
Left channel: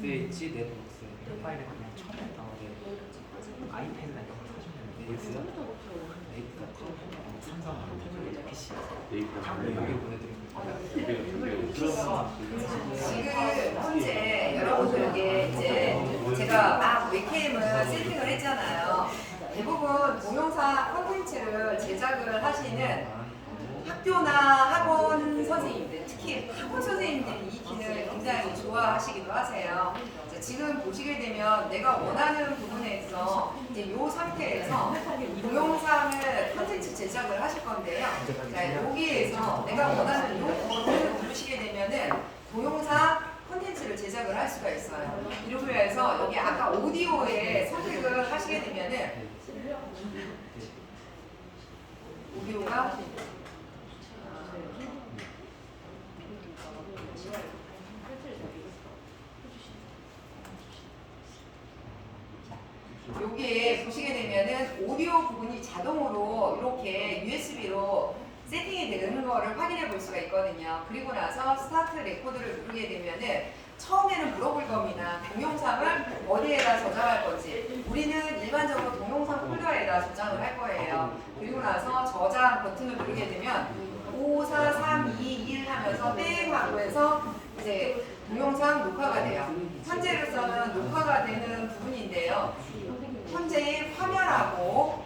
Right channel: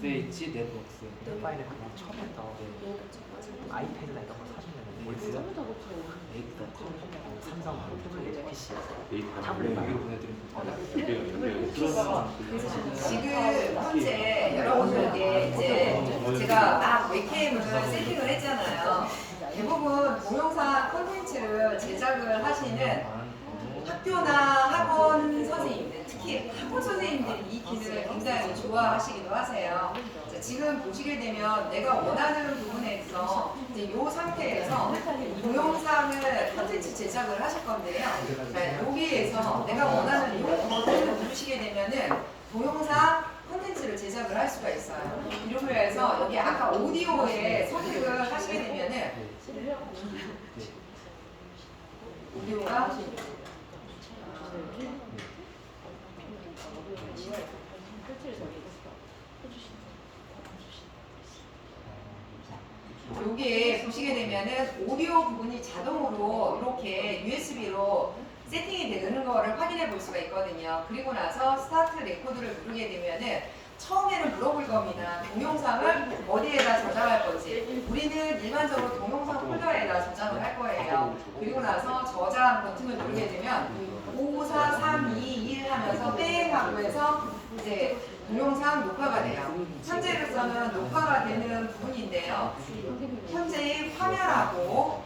SH 네트워크스 파일을 그냥 처음에 나오는데 아이패드나 이런 거 사준다면 네이트요? 네이트 삼성 태블릿 PC 탑을 많이 보내드립니다. 지금 현재 여러분들에게 이제 제가 막 웹캠을 세팅을 했잖아요. 대부분 동영상 콘텐츠를 제작을 하시는 학교나 학원 선생님들, 특히 학원 선생님들이 이 기능을 굉장히 좋아하시기도 하세요. 지금 보시게 되면 내가 원하는 부분에서 이제 이 상태에서 동영상을 컨텐츠 제작을 하실 건데요. 자, 여기에서 내가 원하는 이 버튼을 누르시게 되면은 동영상 콘텐츠를 제작을 할 수가 있어요. 이렇게 해서 여기 아까 오디오에 선택을 하시게 되면은 오디오가 여기에 보시게 되면은 오디오 부분이 자동으로 이렇게 USB로 세팅이 되는 거를 확인해 볼 수가 있거든요. 그리고 나서 스타트 레코드를 누르게 되면은 처음에는 물어볼 겁니다. 동영상을 어디에다 저장할 건지. 우리는 일반적으로 동영상 폴더에다 저장을 할 거예요. 그리고 나서 저장 버튼을 누르게 되면 5, 4, 3, 2, 1 하면서 땡 하고 해서 이제 동영상 녹화가 돼요. 현재로서는 녹화가 되는 부분인데요. 현재의 화면하고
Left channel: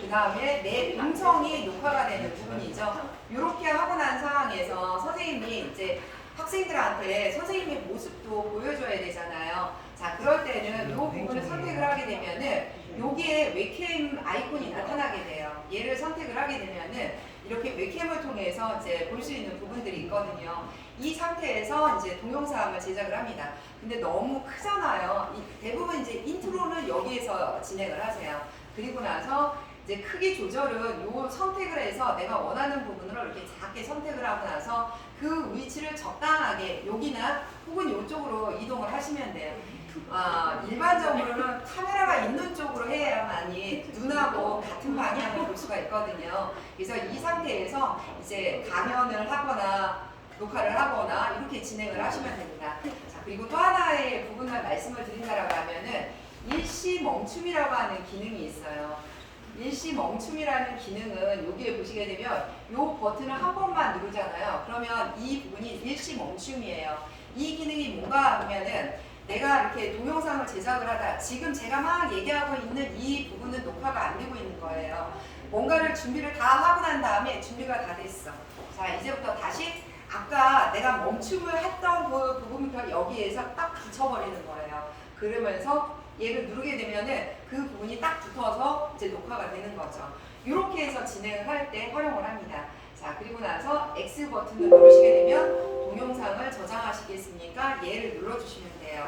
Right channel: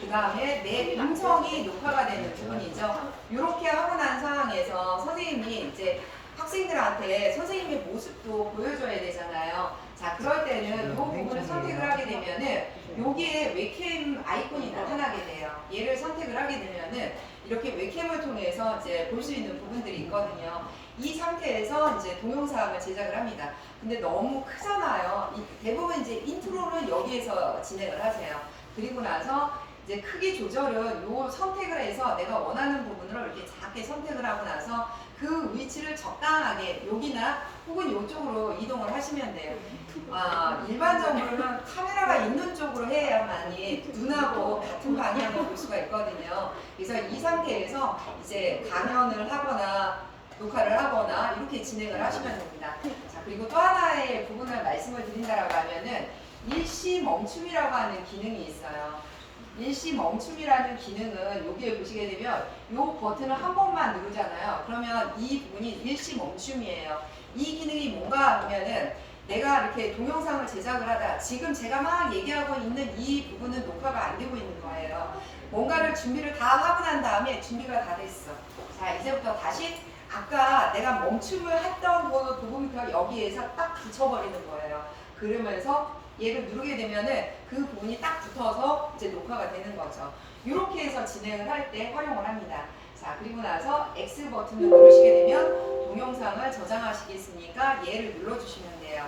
그 다음에 내 음성이 녹화가 되는 부분이죠. 이렇게 하고 난 상황에서 선생님이 이제 학생들한테 선생님의 모습도 보여줘야 되잖아요. 자, 그럴 때는 이 부분을 선택을 하게 되면은 여기에 웹캠 아이콘이 나타나게 돼요. 얘를 선택을 하게 되면은 이렇게 웹캠을 통해서 이제 볼 수 있는 부분들이 있거든요. 이 상태에서 이제 동영상을 제작을 합니다. 근데 너무 크잖아요. 대부분 이제 인트로는 여기에서 진행을 하세요. 그리고 나서 이제 크기 조절은 요 선택을 해서 내가 원하는 부분으로 이렇게 작게 선택을 하고 나서 그 위치를 적당하게 여기나 혹은 이쪽으로 이동을 하시면 돼요. 일반적으로는 카메라가 있는 쪽으로 해야만이 눈하고 같은 방향을 볼 수가 있거든요. 그래서 이 상태에서 이제 강연을 하거나 녹화를 하거나 이렇게 진행을 하시면 됩니다. 자, 그리고 또 하나의 부분을 말씀을 드린다라고 하면은 일시 멈춤이라고 하는 기능이 있어요. 일시 멈춤이라는 기능은 여기에 보시게 되면 이 버튼을 한 번만 누르잖아요. 그러면 이 부분이 일시 멈춤이에요. 이 기능이 뭔가 하면은 내가 이렇게 동영상을 제작을 하다 지금 제가 막 얘기하고 있는 이 부분은 녹화가 안 되고 있는 거예요. 뭔가를 준비를 다 하고 난 다음에 준비가 다 됐어. 자, 이제부터 다시 아까 내가 멈춤을 했던 그 부분부터 여기에서 딱 붙여버리는 거예요. 그러면서 얘를 누르게 되면은 그 부분이 딱 붙어서 이제 녹화가 되는 거죠. 이렇게 해서 진행을 할 때 활용을 합니다. 자, 그리고 나서 X 버튼을 누르시게 되면 동영상을 저장하시겠습니까? 얘를 눌러주시면 돼요.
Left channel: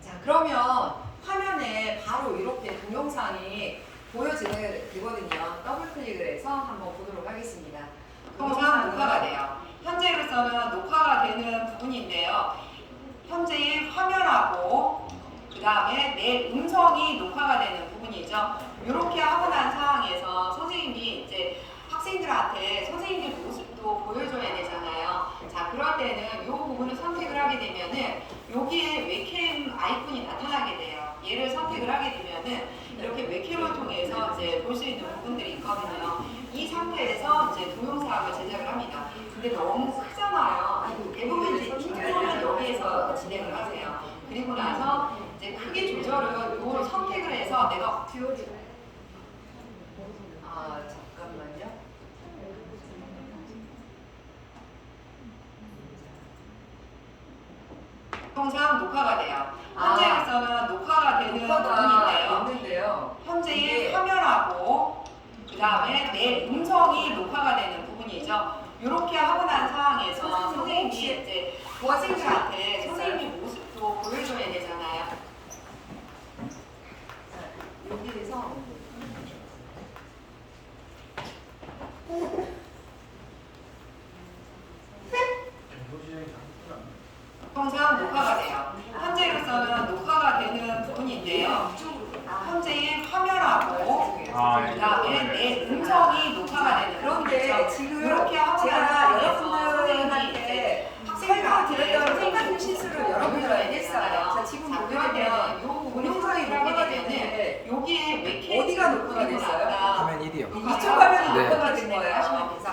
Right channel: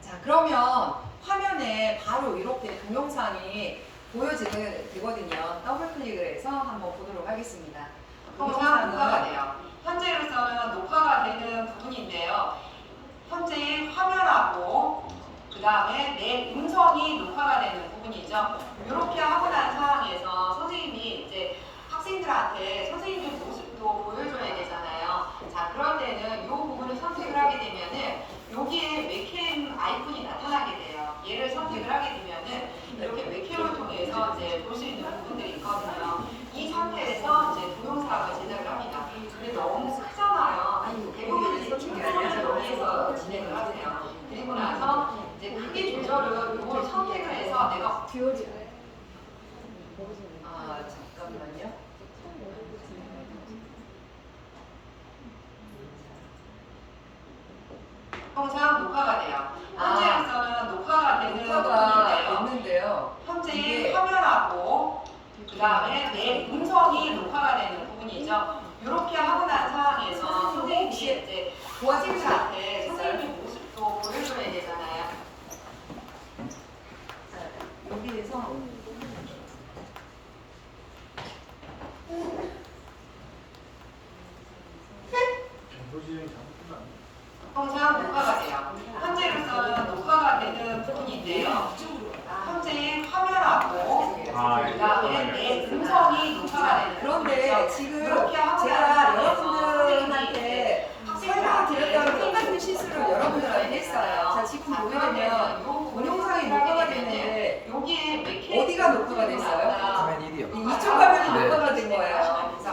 자, 그러면 화면에 바로 이렇게 동영상이 보여지는 거거든요. 더블 클릭을 해서 한번 보도록 하겠습니다. 동영상 녹화가 돼요. 현재로서는 녹화가 되는 부분인데요. 현재의 화면하고 그 다음에 내 음성이 녹화가 되는 부분이죠. 이렇게 하고 난 상황에서 선생님이 이제 학생들한테 선생님의 모습도 보여줘야 되잖아요. 자, 그럴 때는 이 부분을 선택을 하게 되면은 여기에 웹캠 아이콘이 나타나게 돼요. 얘를 선택을 하게 되면은 이렇게 웹캠을 통해서 이제 볼 수 있는 부분들이 있거든요. 이 상태에서 이제 동영상을 제작을 합니다. 근데 너무 크잖아요. 대부분 이제 여기에서 진행을 하세요. 그리고 나서 이제 크기 조절은 이걸 선택을 해서 내가 잠깐만요. 동영상 녹화가 돼요. 현재로서는 녹화가 되는 부분인데요. 현재의 화면하고 그 다음에 내 음성이 녹화가 되는 부분이죠. 이렇게 하고 난 상황에서 선생님이 이제 학생들한테 선생님의 모습도 보여줘야 되잖아요. 자, 여기에서 동영상 녹화가 돼요. 현재로서는 녹화가 되는 부분인데요. 현재의 화면하고 그다음에 내 음성이 녹화가 되는. 그런데 지금 제가 여러분들한테 설명을 드렸던 똑같은 실수를 여러분들한테 했어요. 자, 지금 보면 동영상이 녹화가 되는데 여기에 어디가 녹화가 됐어요? 화면 1이요. 이쪽 화면이 네. 녹화가 된 거예요. 그래서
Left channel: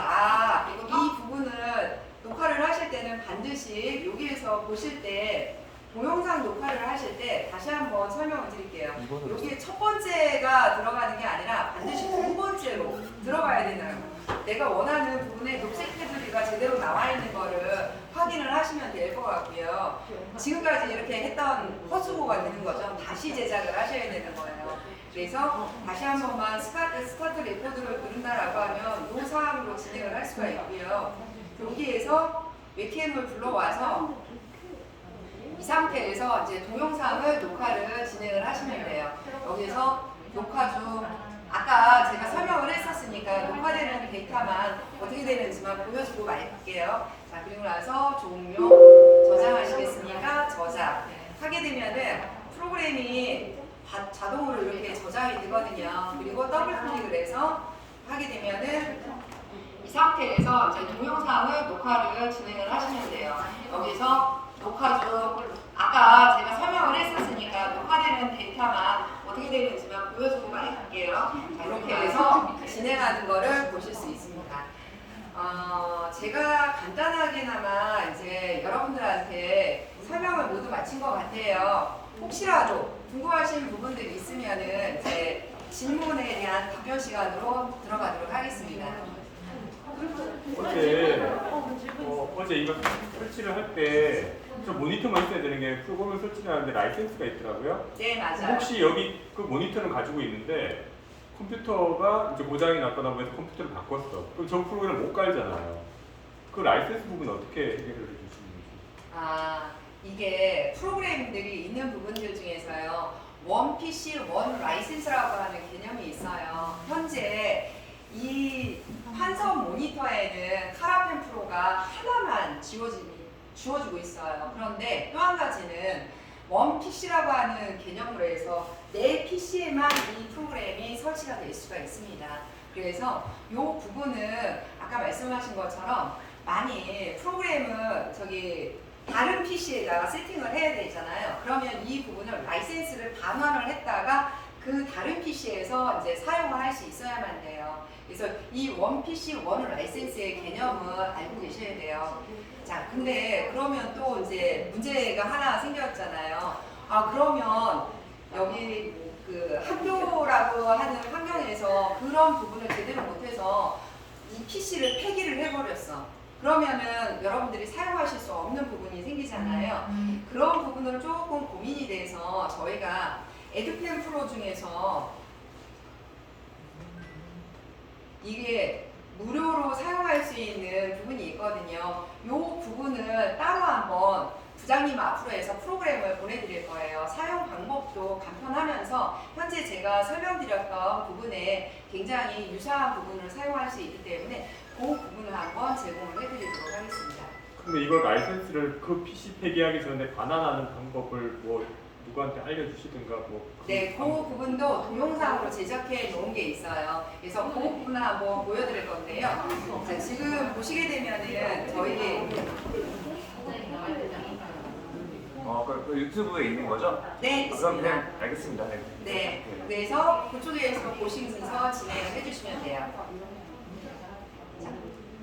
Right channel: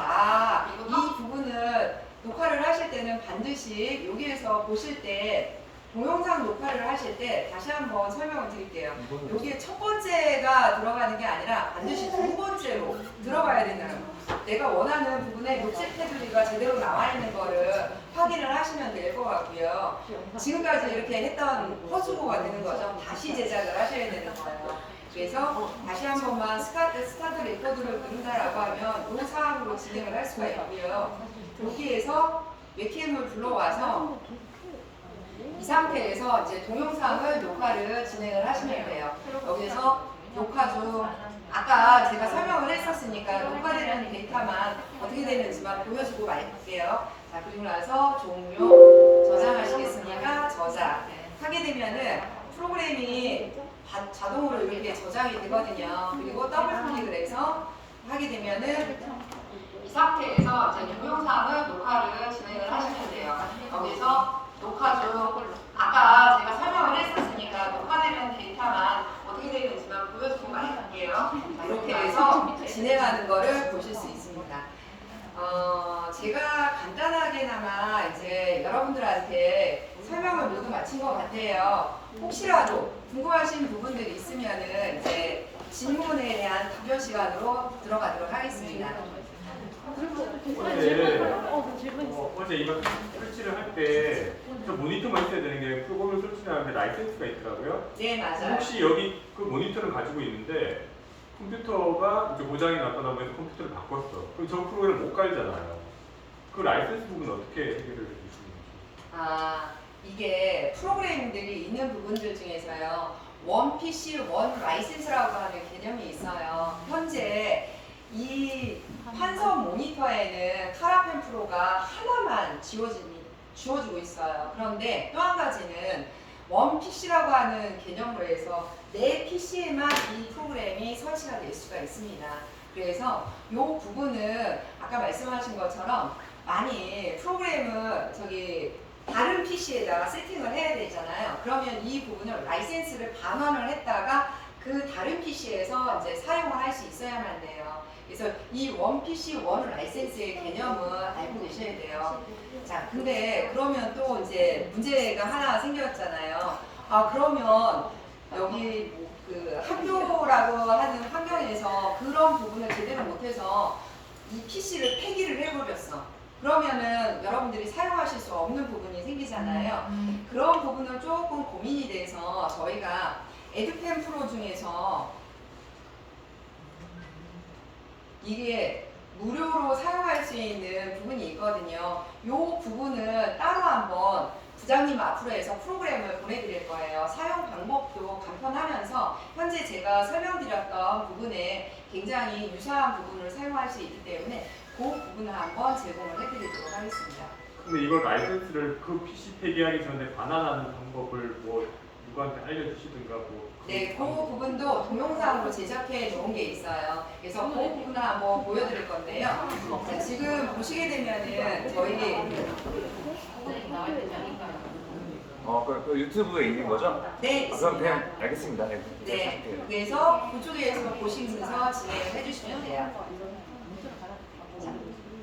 이 부분은 녹화를 하실 때는 반드시 여기에서 보실 때 동영상 녹화를 하실 때 다시 한번 설명을 드릴게요. 여기에 첫 번째가 들어가는 게 아니라 반드시 두 번째로 들어가야 된다는 거예요. 내가 원하는 부분에 녹색 테두리가 제대로 나와 있는 거를 확인을 하시면 될 것 같고요. 지금까지 이렇게 했던 허수고가 되는 거죠. 다시 제작을 하셔야 되는 거예요. 그래서 다시 한 번만 스타트 레코드를 누른다라고 하면 이 사항으로 진행을 할 수가 있고요. 여기에서 웹캠을 불러와서 이 상태에서 이제 동영상을 녹화를 진행을 하시면 돼요. 여기서 녹화 중 아까 제가 설명을 했었으니까 녹화되는 데이터만 어떻게 되는지만 보여주고 말게요. 자, 그리고 나서 종료 저장하시겠습니까? 저장 하게 되면은 프로그램이 자동으로 이렇게 저장이 되거든요. 그리고 더블 클릭을 해서 하게 되면은 이 상태에서 이제 동영상을 녹화를 진행을 하시면 돼요. 여기서 녹화 중 아까 제가 설명을 했었으니까 녹화되는 데이터만 어떻게 되는지만 보여주고 말할게요. 자, 이렇게 해서 진행하는 거를 보실 수 있습니다. 제가 간단하게나마 이제 여러분들한테 설명을 모두 마친 것 같아요. 혹시라도 궁금하신 부분들이 있으면은 이제 질문에 대한 답변 시간으로 들어가도록 하겠습니다. 어제 이거 설치를 할 때 모니터만 있어야 되는 게 프로그램을 설치를 하는데 라이센스가 있더라고요. 네, 맞아요. 혹시 여기 그 모니터를 가지고 있는데 컴퓨터가 이제 고장이 났거나 뭐 해서 컴퓨터를 바꿨어. 그럼 저 프로그램을 못 깔잖아요. 그 라이센스 부분은 어떻게 해결을 해주시는지. 이게 프로그램들이 있는 부분들 중에서요. 원 PC 원 라이센스라고 하는 개념이 있어요. 현재 이 환선 모니터에는 카라펜 프로가 하나만 지워주고 있어요. 그런데 또 한 가지는 원 PC라고 하는 개념으로 해서 내 PC에만 이 프로그램이 설치가 될 수가 있습니다. 그래서 이 부분은 아까 말씀하신 것처럼 많이 프로그램을 다른 PC에다가 세팅을 해야 되잖아요. 그러면 이 부분을 라이센스를 반환을 했다가 그 다른 PC에서 이제 사용을 할 수 있어야만 돼요. 그래서 이 원 PC 원 라이센스의 개념은 알고 계셔야 돼요. 자, 근데 그러면 또 이제 문제가 하나 생겼잖아요. 그러면 여기 그 학교라고 하는 환경에서 그런 부분을 제대로 못해서 이 PC를 폐기를 해버렸어. 그러면은 여러분들이 사용하실 수 없는 부분이 생기잖아요. 그런 부분을 조금 고민이 돼서 저희가 에듀펜 프로 중에서 이게 무료로 사용할 수 있는 부분이 있거든요. 이 부분을 따로 한번 부장님 앞으로 해서 프로그램을 보내드릴 거예요. 사용 방법도 간편하면서 현재 제가 설명드렸던 부분에 굉장히 유사한 부분을 사용할 수 있기 때문에 그 부분을 한번 제공을 해드리도록 하겠습니다. 근데 이걸 라이센스를 그 PC 폐기하기 전에 반환하는 방법을 뭐 누구한테 알려주시든가 뭐. 네, 그 부분도 동영상으로 제작해 놓은 게 있어요. 그래서 그 부분을 한번 보여드릴 건데요. 자, 지금 보시게 되면은 저희 그 유튜브에 있는 거죠? 네, 그럼 있습니다. 그냥 알겠습니다. 네. 네, 그래서 그쪽에서 보시면서 진행을 해주시면 돼요. 자,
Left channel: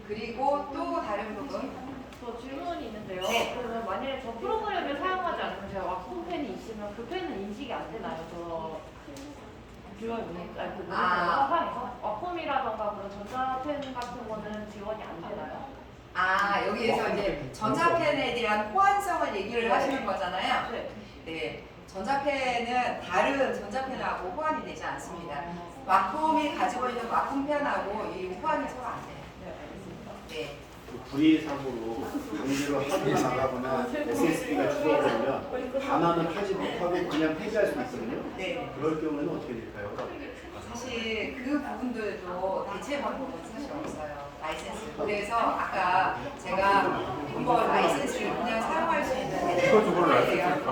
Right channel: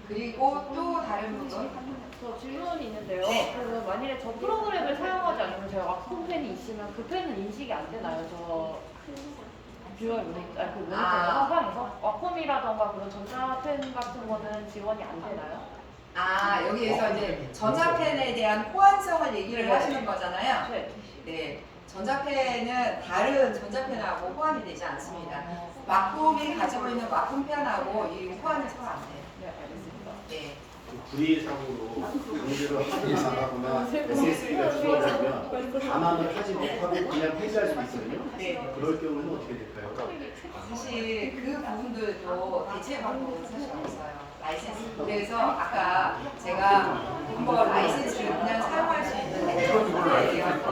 그리고 또 다른 부분. 저 질문이 있는데요. 네. 그러면 만일에 저 프로그램을 사용하지 않으면 제가 왁폼펜이 있으면 그 펜은 인식이 안 되나요? 저 듀얼 모니터, 화상에서 왁폼이라던가 그런 전자펜 같은 거는 지원이 안 되나요? 여기에서 이제 전자펜에 대한 호환성을 얘기를 하시는 거잖아요. 네. 네, 전자펜은 다른 전자펜하고 호환이 되지 않습니다. 왁폼이 가지고 있는 왁폼펜하고 이 호환이 서로 안 돼요. 네, 알겠습니다. 네. 불이사고로 문제로 하고 나가거나 SSD가 죽어버리면 반환을 하지 못하고 그냥 폐기할 수 있거든요. 네. 그럴 경우는 어떻게 될까요? 사실 그 부분들도 대체 방법은 사실 없어요. 라이센스. 그래서 아까 제가 한번 라이센스를 그냥 사용할 수 있는 대체 방법에 대한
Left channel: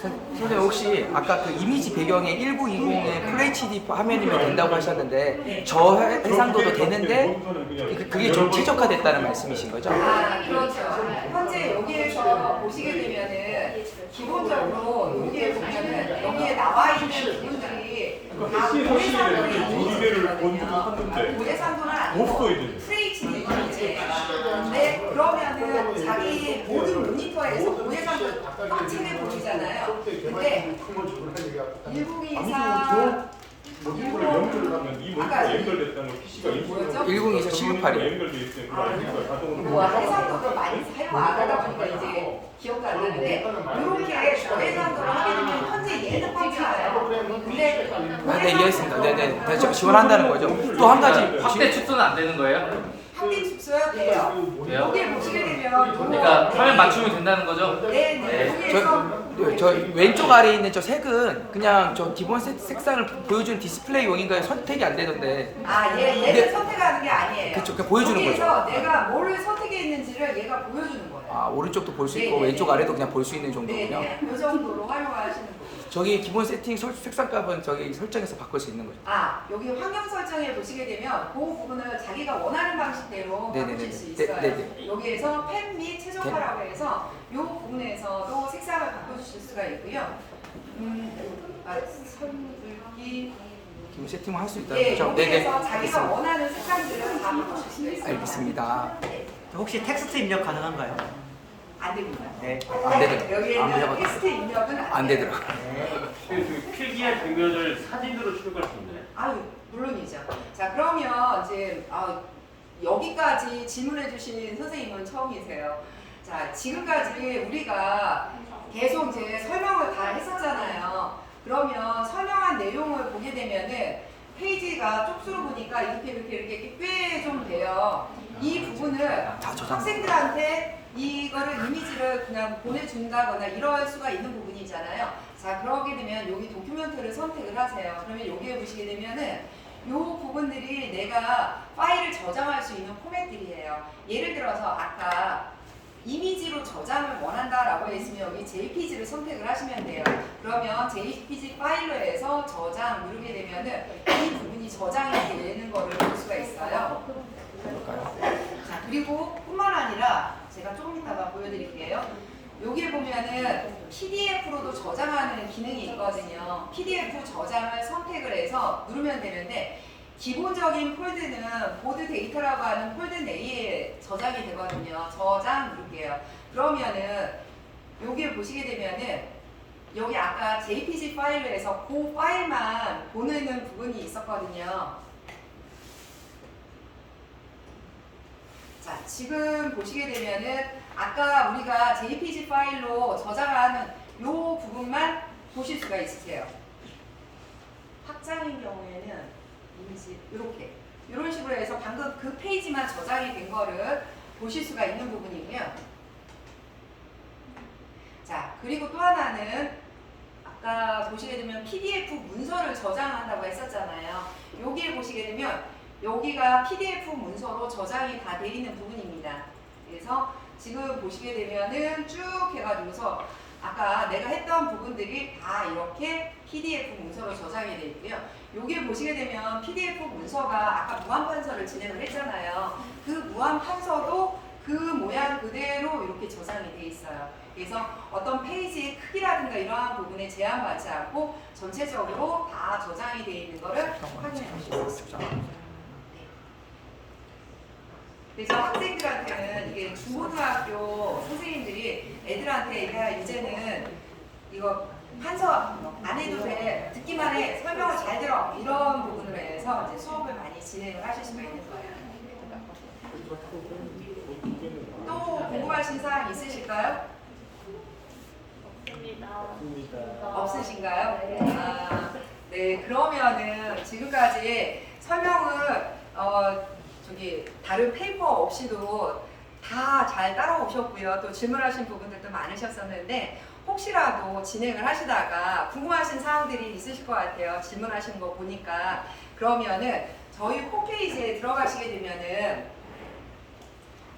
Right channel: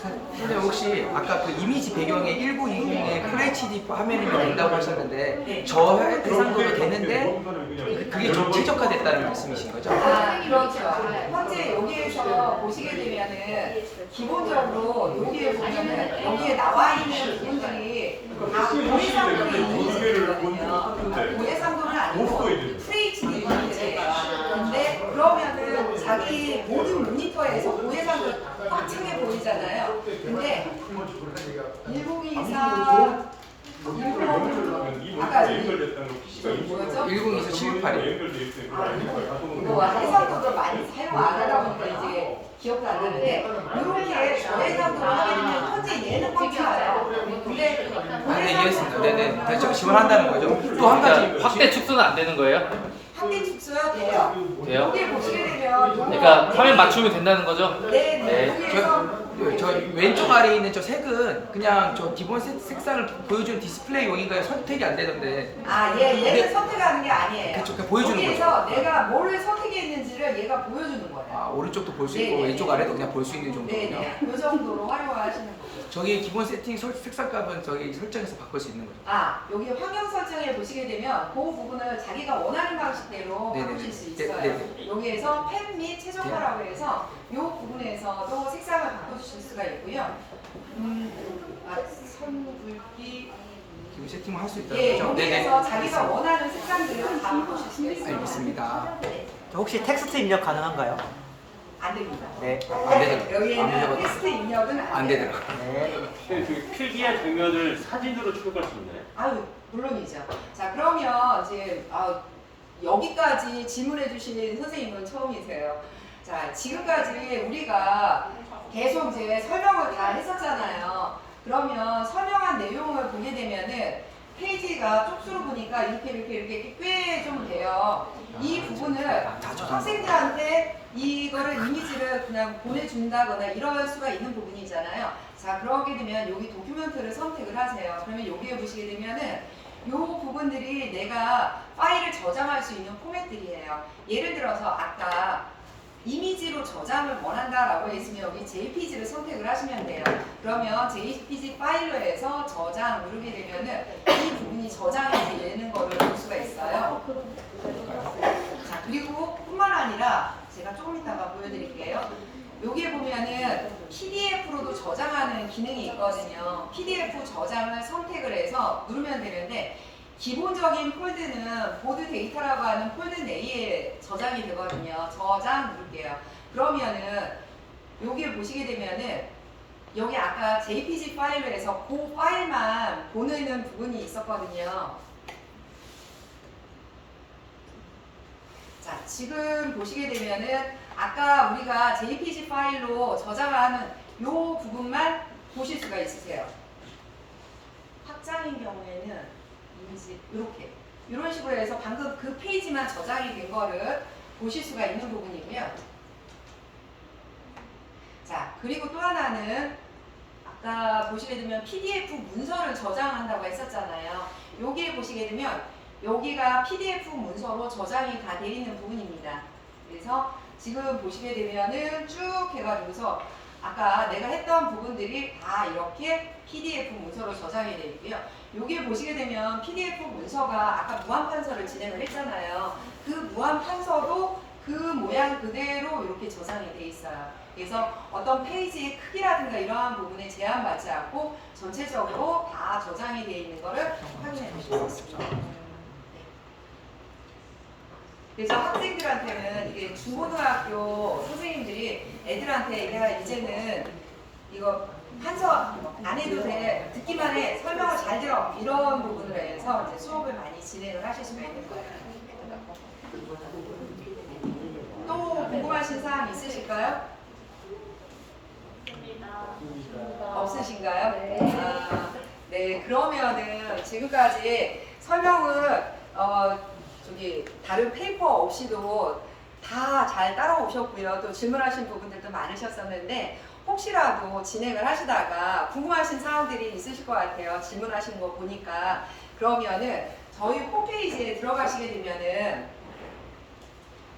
선생님 혹시 아까 그 이미지 배경에 1920의 FHD 화면이면 된다고 하셨는데 저 해상도도 되는데 그게 좀 최적화됐다는 말씀이신 거죠? 그렇죠. 현재 여기에서 보시게 되면은 기본적으로 여기에 보면은 여기에 나와 있는 부분들이 다 고해상도의 이미지거든요. 고해상도는 아니고 FHD 이미지예요. 근데 그 그러면은 자기 모든 모니터에서 고해상도 꽉 차게 보이잖아요. 근데 1024 아까 연결됐다는 PC가 뭐였죠? 1024 768이요. 연결돼 있어요. 이거 해상도도 많이 사용 안 하다 보니까 이제 기억도 안 나는데 이렇게 저해상도를 하게 되면 현재 얘는 꽉 차요. 근데 네, 이해했습니다. 네네. 대충 지원한다는 거죠. 또 한 가지 확대 축소는 안 되는 거예요? 확대 축소가 돼요. 돼요? 여기에 보시게 되면 그러니까 화면 맞추면 된다는 거죠? 네네. 네. 여기에서 저 왼쪽 아래에 있는 저 색은 그냥 저 기본 색상을 보여주는 디스플레이용인가요? 선택이 안 되던데. 얘를 근데- 선택하는 게 아니에요. 그쵸, 그냥 보여주는 여기에서 내가 뭐를 선택했는지를 얘가 보여주는 거예요. 아, 오른쪽도 볼 수 있고 네네. 왼쪽 아래도 그냥 볼 수 있는 정도군요. 네네. 이 정도로 활용하시는 거고. 저기 기본 세팅 색상값은 저기 설정해서 바꿀 수 있는 거죠. 여기 환경 설정에 보시게 되면 그 부분을 자기가 원하는 방식대로 네네네. 바꾸실 수 네, 있어요. 네네. 여기에서 펜 및 최종화라고 해서 이 부분에서도 색상을 바꿔주실 수가 있고요. 선불기 기본 세팅을 할 수 있다는 예, 거죠. 여기에서 자기가 원하는 색상들을 다 바꾸실 수가 있어요. 알겠습니다. 네, 혹시 텍스트 입력 가능한가요? 안 됩니다. 네. 안 되더라고요. 안 여기에는 되더라고요. 텍스트 입력은 안 안 돼요. 되더라고요. 네. 필기의 장면을 사진으로 출력할 수 있나요? 아유, 물론이죠. 자, 그러면 이제 여기까지 질문해 주신 선생님은 처음이세요. 자, 지금까지 우리가 계속 이제 설명을 다 했었잖아요. 그러면 설명한 내용을 보게 되면은 페이지가 쪽수로 보니까 이렇게 꽤 좀 돼요. 이 부분을 학생들한테 이거를 이미지를 그냥 보내준다거나 이럴 수가 있는 부분이잖아요. 자, 그러게 되면 여기 도큐멘트를 선택을 하세요. 그러면 여기에 보시게 되면은 이 부분들이 내가 파일을 저장할 수 있는 포맷들이에요. 예를 들어서 아까 이미지로 저장을 원한다라고 했으면 여기 JPG를 선택을 하시면 돼요. 그러면 JPG 파일러에서 저장 누르게 되면은 이 부분이 저장이 되는 거를 볼 수가 있어요. 자, 그리고 뿐만 아니라 제가 조금 이따가 보여드릴게요. 여기에 보면은 PDF로도 저장하는 기능이 있거든요. PDF 저장을 선택을 해서 누르면 되는데 기본적인 폴드는 보드 데이터라고 하는 폴드 내에 저장이 되거든요. 저장 누를게요. 그러면은 여기에 보시게 되면은 여기 아까 JPG 파일로에서 그 파일만 보내는 부분이 있었거든요. 자, 지금 보시게 되면은 아까 우리가 JPG 파일로 저장하는 이 부분만 보실 수가 있으세요. 확장인 경우에는 이미지 이렇게 이런 식으로 해서 방금 그 페이지만 저장이 된 거를 보실 수가 있는 부분이고요. 자, 그리고 또 하나는 아까 보시게 되면 PDF 문서를 저장한다고 했었잖아요. 여기에 보시게 되면 여기가 PDF 문서로 저장이 다 되어 있는 부분입니다. 그래서 지금 보시게 되면은 쭉 해가지고서 아까 내가 했던 부분들이 다 이렇게 PDF 문서로 저장이 되어 있고요. 여기에 보시게 되면 PDF 문서가 아까 무한판서를 진행을 했잖아요. 그 무한판서도 그 모양 그대로 이렇게 저장이 되어 있어요. 그래서 어떤 페이지의 크기라든가 이러한 부분에 제한받지 않고 전체적으로 다 저장이 되어 있는 것을 확인해 보실 수 있습니다. 그래서 학생들한테는 이게 중고등학교 선생님들이 애들한테 야 이제는 이거 판서 안 해도 돼 듣기만 해 설명을 잘 들어 이런 부분으로 해서 이제 수업을 많이 진행을 하실 수가 있는 거예요. 또 궁금하신 사항 있으실까요? 없으신가요? 네, 그러면은 지금까지 설명을 다른 페이퍼 없이도 다 잘 따라오셨고요. 또 질문하신 부분들도 많으셨었는데 혹시라도 진행을 하시다가 궁금하신 사항들이 있으실 것 같아요. 질문하시는 거 보니까. 그러면은 저희 홈페이지에 들어가시게 되면은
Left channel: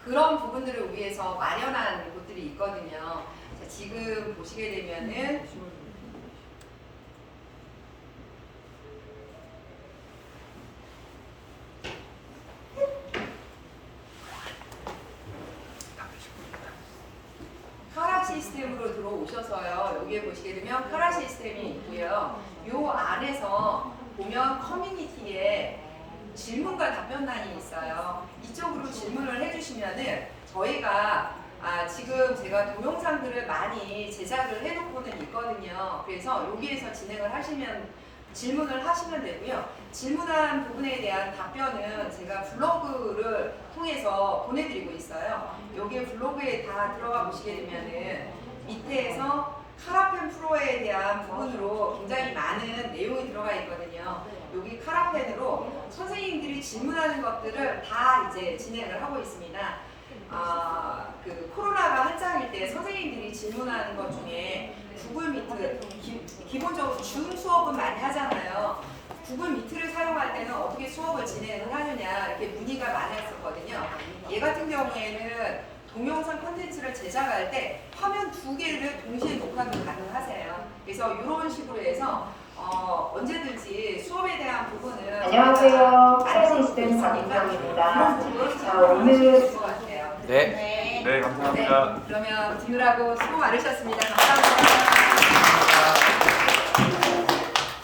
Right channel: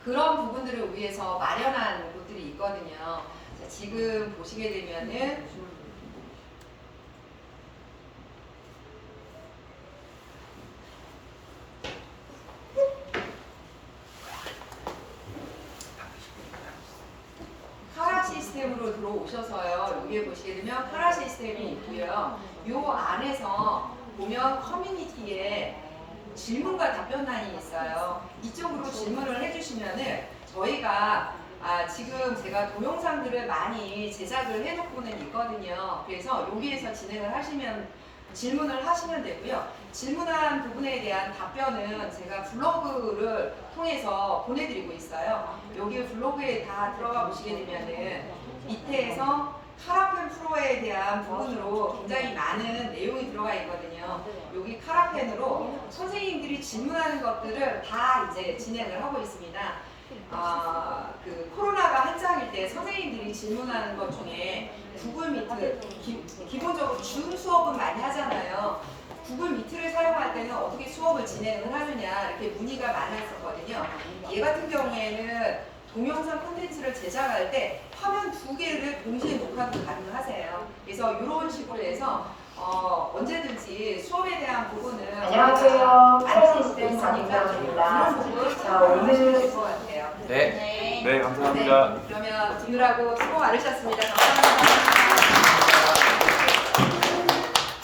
그런 부분들을 위해서 마련한 곳들이 있거든요. 자, 지금 보시게 되면은 카라 시스템으로 들어오셔서요. 여기에 보시게 되면 카라 시스템이 있고요. 요 안에서 보면 커뮤니티에 질문과 답변란이 있어요. 이쪽으로 질문을 해주시면은 저희가 지금 제가 동영상들을 많이 제작을 해놓고는 있거든요. 그래서 여기에서 진행을 하시면 질문을 하시면 되고요. 질문한 부분에 대한 답변은 제가 블로그를 통해서 보내드리고 있어요. 여기 블로그에 다 들어가 보시게 되면은 밑에서 카라펜 프로에 대한 부분으로 굉장히 많은 내용이 들어가 있거든요. 여기 카라펜으로 선생님들이 질문하는 것들을 다 이제 진행을 하고 있습니다. 그 코로나가 한창일 때 선생님들이 질문하는 것 중에 구글 미트, 기본적으로 줌 수업은 많이 하잖아요. 구글 미트를 사용할 때는 어떻게 수업을 진행을 하느냐 이렇게 문의가 많았었거든요. 얘 같은 경우에는 동영상 콘텐츠를 제작할 때 화면 2개를 동시에 녹화도 가능하세요. 그래서 이런 식으로 해서 언제든지 수업에 대한 부분은 안녕하세요. 카라시 시스템 박인정입니다. 그런 부분 자, 오늘 것 같아요. 네. 네, 감사합니다. 그러면 듣느라고 수고 많으셨습니다. 감사합니다.